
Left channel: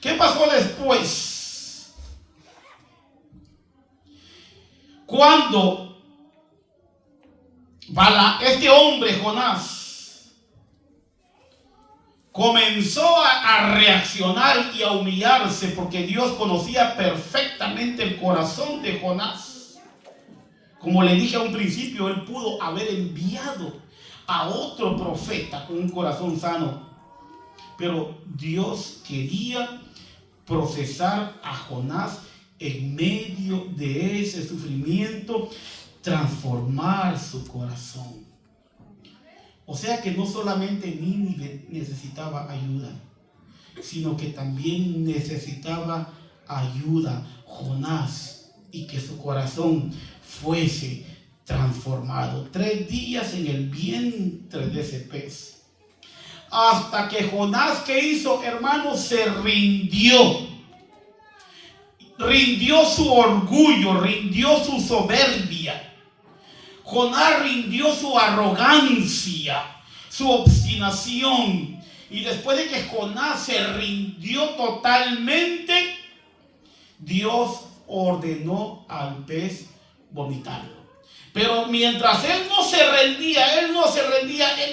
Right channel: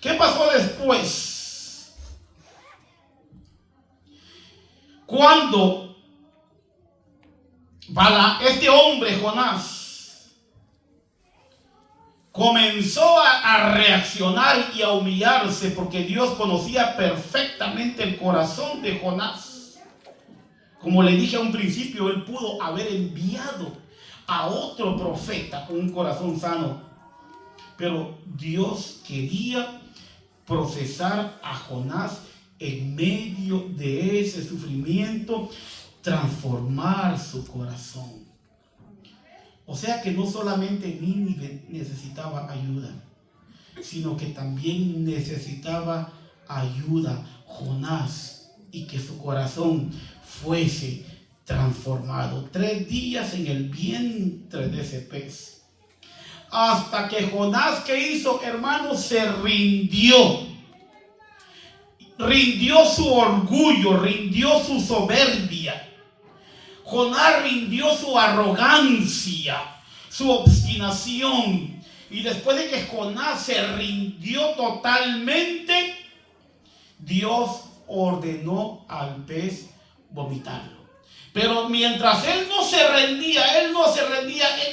¿Qué pasó después? Cuando este hombre, Jonás, comenzó a reaccionar y a humillarse, porque Dios conocía perfectamente el corazón de Jonás. Como le dije a un principio, él pudo haber enviado a otro profeta con un corazón sano, pero Dios quería procesar a Jonás en medio de ese sufrimiento, transformar su corazón. O sea que no solamente Nínive necesitaba ayuda, sino que también necesitaba ayuda Jonás, y que su corazón fuese transformado. 3 días en el vientre de ese pez, hasta que Jonás, ¿qué hizo, hermanos? Se rindió su orgullo, rindió su soberbia. Jonás rindió su arrogancia, su obstinación. Y después de que Jonás se rindió totalmente, Dios ordenó al pez vomitarlo. Pero mientras él no se rendía, él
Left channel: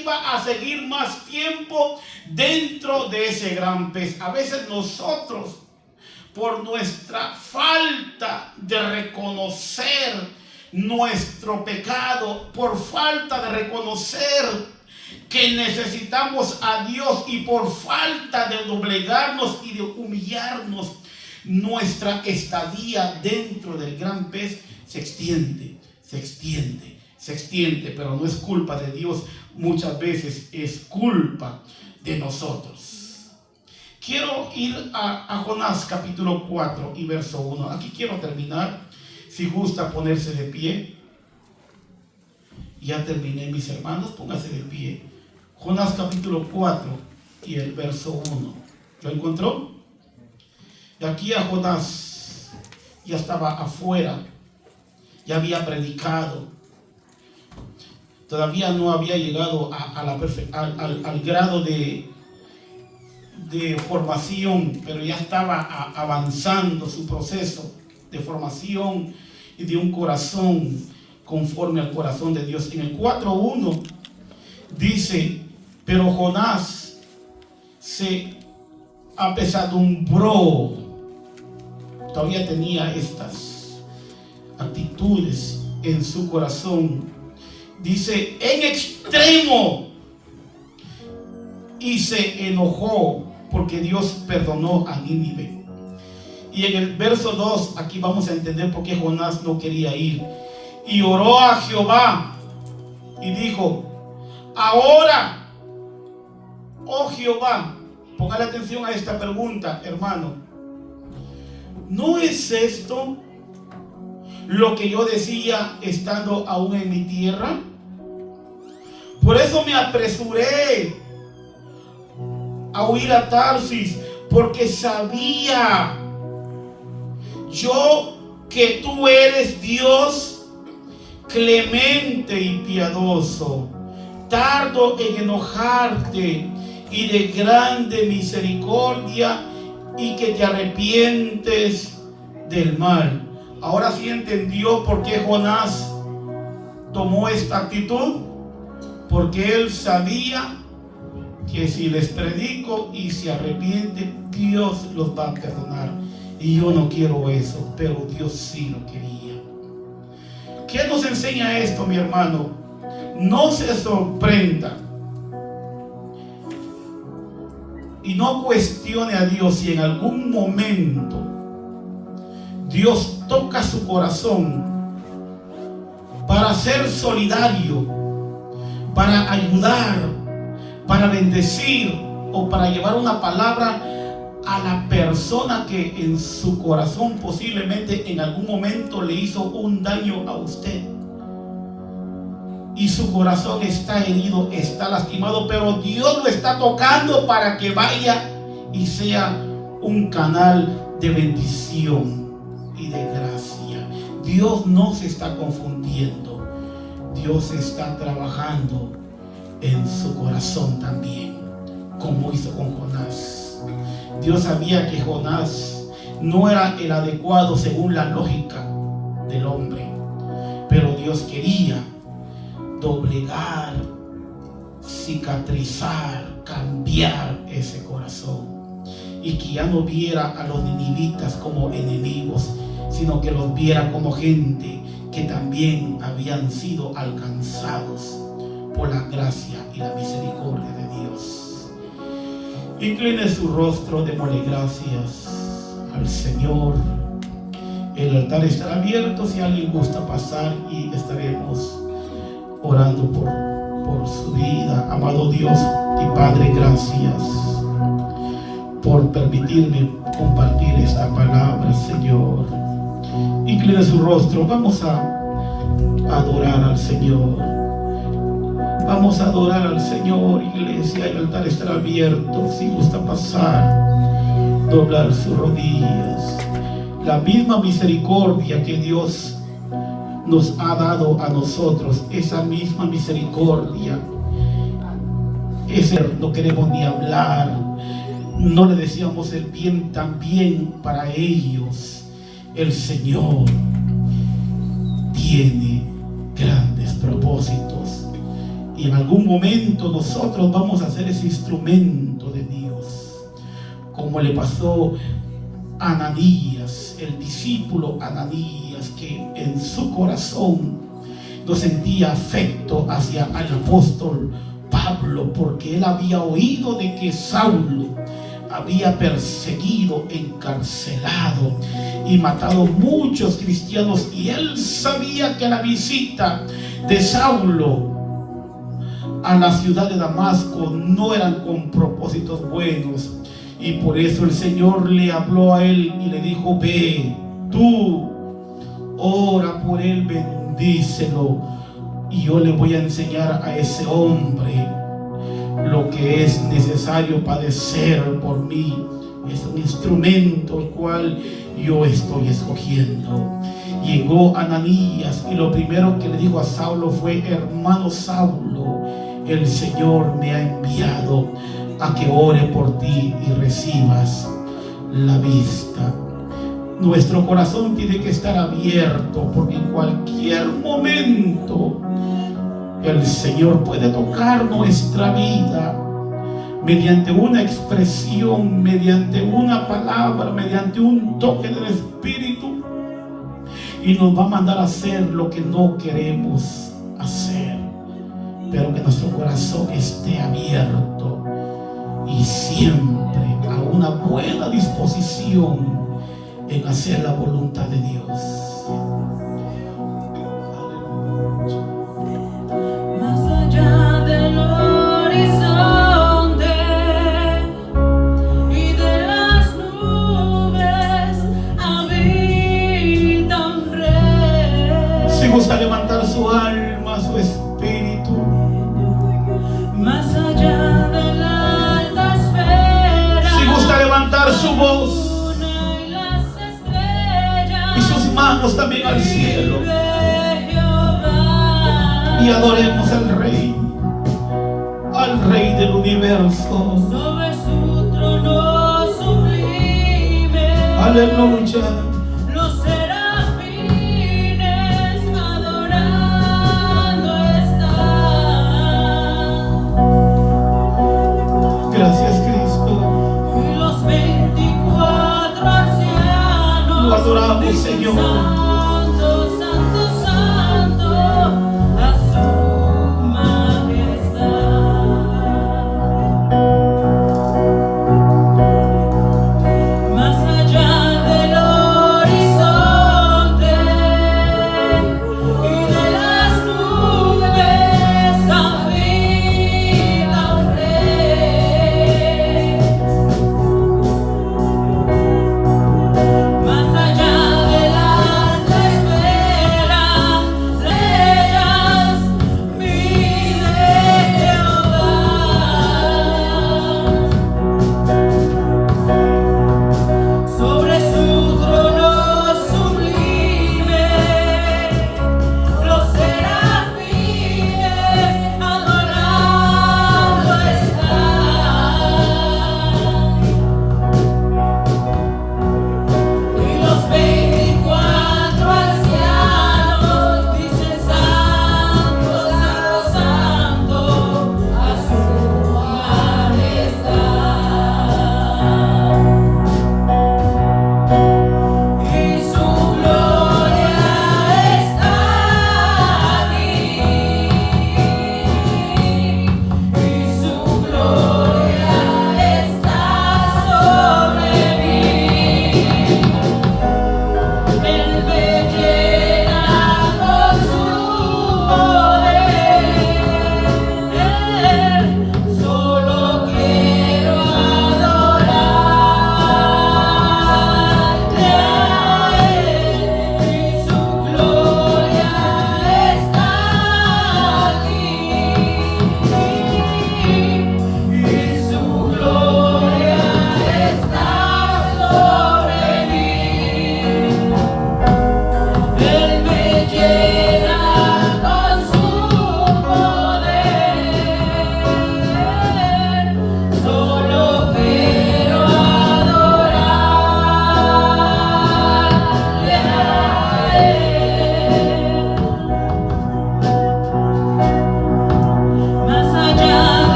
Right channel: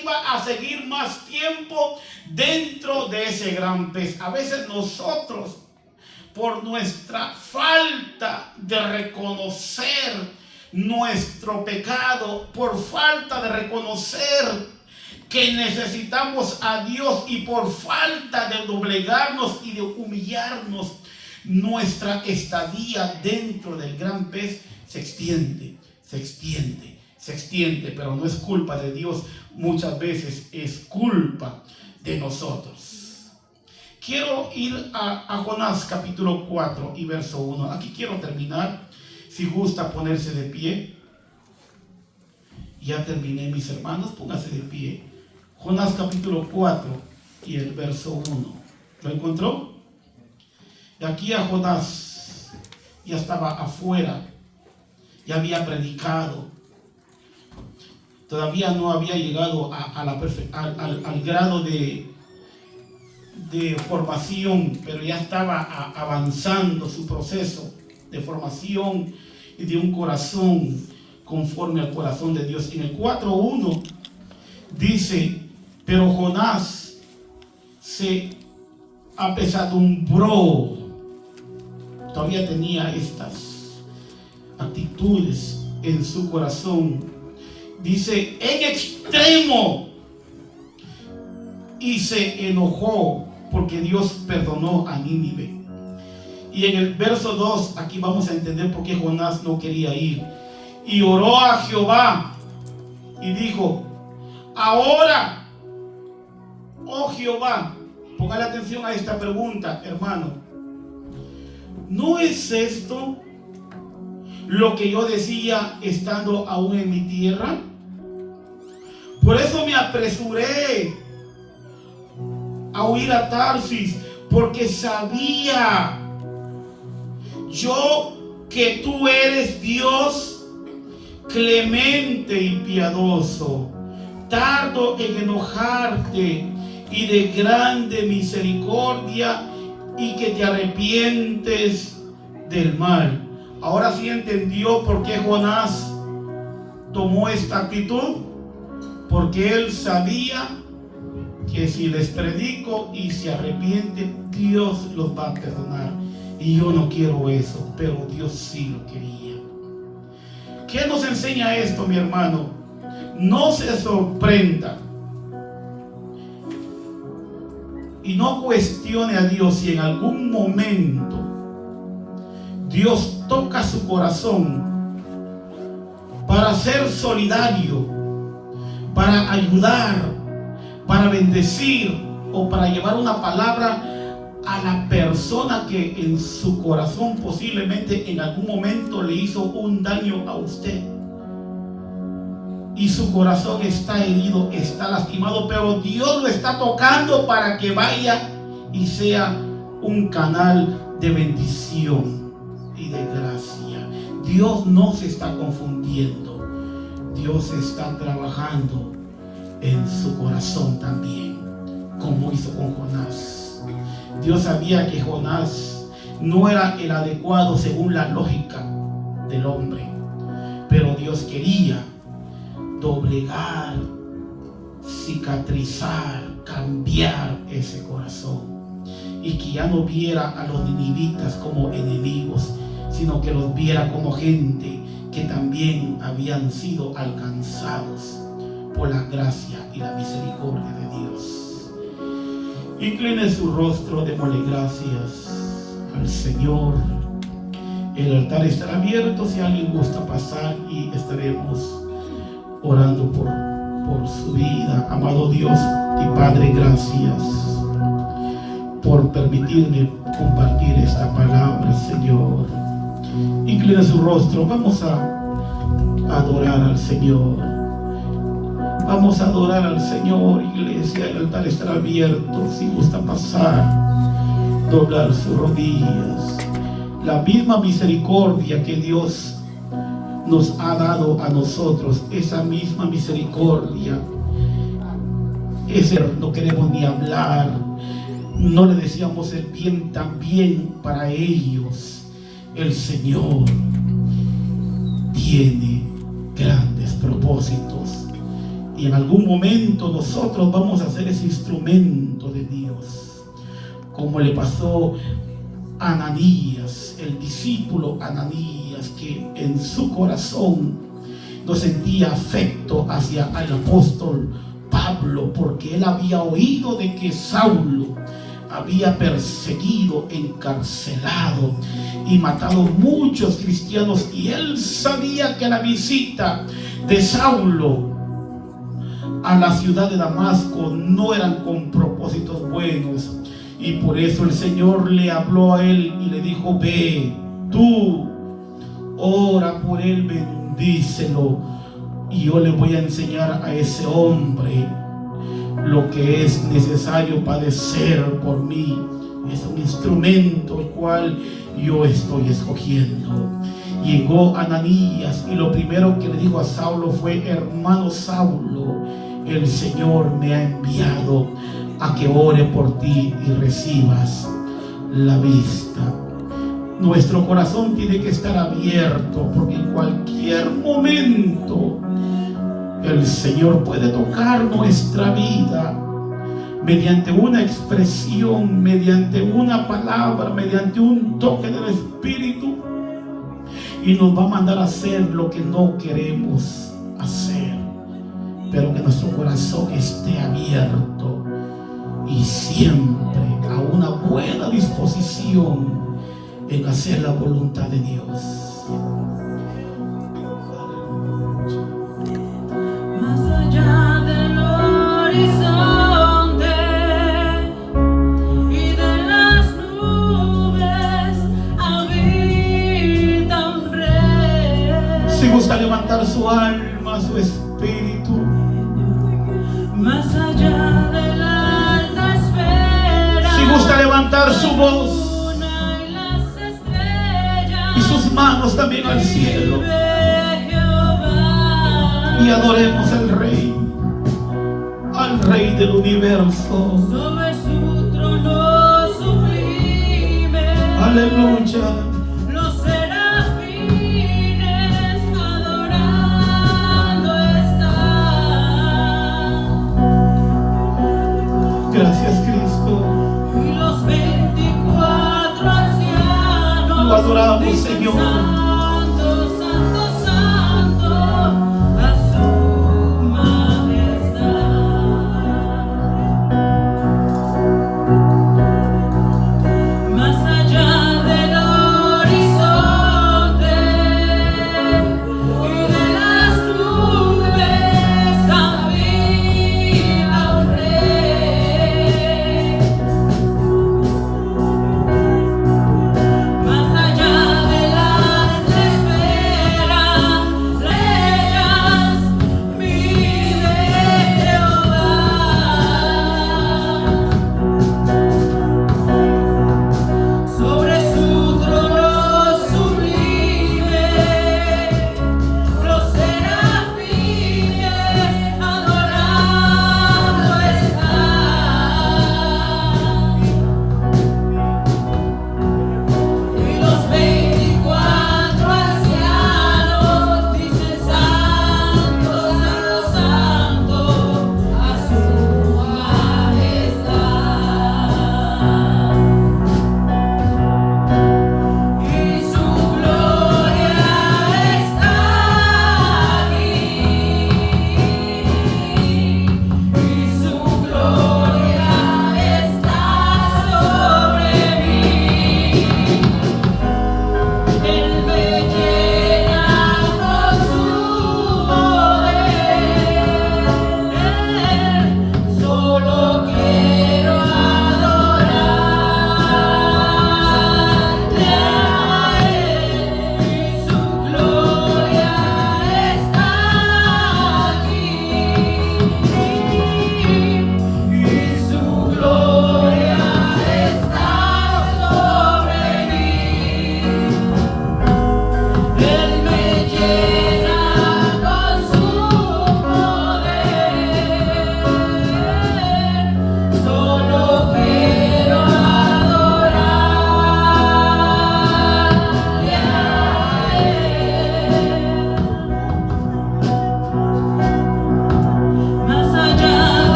iba a seguir más tiempo dentro de ese gran pez. A veces nosotros, por nuestra falta de reconocer nuestro pecado, por falta de reconocer que necesitamos a Dios, y por falta de doblegarnos y de humillarnos, nuestra estadía dentro del gran pez se extiende, pero no es culpa de Dios, muchas veces es culpa de nosotros. Quiero ir a Jonás capítulo 4 y verso 1. Aquí quiero terminar. Si gusta ponerse de pie. Ya terminé, mis hermanos, póngase de pie. Jonás capítulo 4 y el verso 1. ¿Lo encontró? Y aquí a Jonás ya estaba afuera, ya había predicado, todavía no había llegado al grado de formación, pero ya estaba avanzando su proceso de formación y de un corazón conforme al corazón de Dios. En el 4:1 dice: pero Jonás se apesadumbró. Todavía tenía estas actitudes en su corazón. Dice, en extremo. Y se enojó porque Dios perdonó a Nínive. Y en el verso 2, aquí vamos a entender por qué Jonás no quería ir. Y oró a Jehová y dijo, ahora, oh Jehová, póngale atención a esta pregunta, hermano. ¿No es esto lo que yo decía estando aún en mi tierra? Por eso me apresuré a huir a Tarsis, porque sabía yo que tú eres Dios clemente y piadoso, tardo en enojarte y de grande misericordia, y que te arrepientes del mal. Ahora sí entendió por qué Jonás tomó esta actitud, porque él sabía que si les predico y se arrepienten, Dios los va a perdonar. Y yo no quiero eso, pero Dios sí lo quería. ¿Qué nos enseña esto, mi hermano? No se sorprenda y no cuestione a Dios si en algún momento Dios toca su corazón para ser solidario, para ayudar, para bendecir o para llevar una palabra a la persona que en su corazón posiblemente en algún momento le hizo un daño a usted. Y su corazón está herido, está lastimado, pero Dios lo está tocando para que vaya y sea un canal de bendición y de gracia. Dios no se está confundiendo. Dios está trabajando en su corazón también, como hizo con Jonás. Dios sabía que Jonás no era el adecuado según la lógica del hombre, pero Dios quería doblegar, cicatrizar, cambiar ese corazón, y que ya no viera a los ninivitas como enemigos, sino que los viera como gente que también habían sido alcanzados por la gracia y la misericordia de Dios. Incline su rostro, démosle gracias al Señor. El altar estará abierto si alguien gusta pasar, y estaremos orando por su vida. Amado Dios y Padre, gracias por permitirme compartir esta palabra, Señor. Incline su rostro, vamos a adorar al Señor. Vamos a adorar al Señor, iglesia. El altar estará abierto si gusta pasar, doblar sus rodillas. La misma misericordia que Dios nos ha dado a nosotros, esa misma misericordia, ese no queremos ni hablar, no le decíamos el bien también para ellos. El Señor tiene grandes propósitos, y en algún momento nosotros vamos a ser ese instrumento de Dios, como le pasó a Ananías, el discípulo Ananías, que en su corazón no sentía afecto hacia el apóstol Pablo, porque él había oído de que Saulo había perseguido, encarcelado y matado muchos cristianos, y él sabía que la visita de Saulo a la ciudad de Damasco no eran con propósitos buenos, y por eso el Señor le habló a él y le dijo: ve, tú ora por él, bendícelo, y yo le voy a enseñar a ese hombre lo que es necesario padecer por mí. Es un instrumento el cual yo estoy escogiendo. Llegó Ananías y lo primero que le dijo a Saulo fue: hermano Saulo, el Señor me ha enviado a que ore por ti y recibas la vista. Nuestro corazón tiene que estar abierto, porque en cualquier momento el Señor puede tocar nuestra vida, mediante una expresión, mediante una palabra, mediante un toque del Espíritu, y nos va a mandar a hacer lo que no queremos hacer, pero que nuestro corazón esté abierto y siempre a una buena disposición en hacer la voluntad de Dios. Más allá del horizonte y de las nubes habita un rey. Si gusta levantar su alma, su espíritu, Más allá de la alta esfera, si gusta levantar su voz y las estrellas, y sus manos también al cielo, vive Jehová. y adoremos al Rey del universo. Sobre su trono sublime, Aleluya.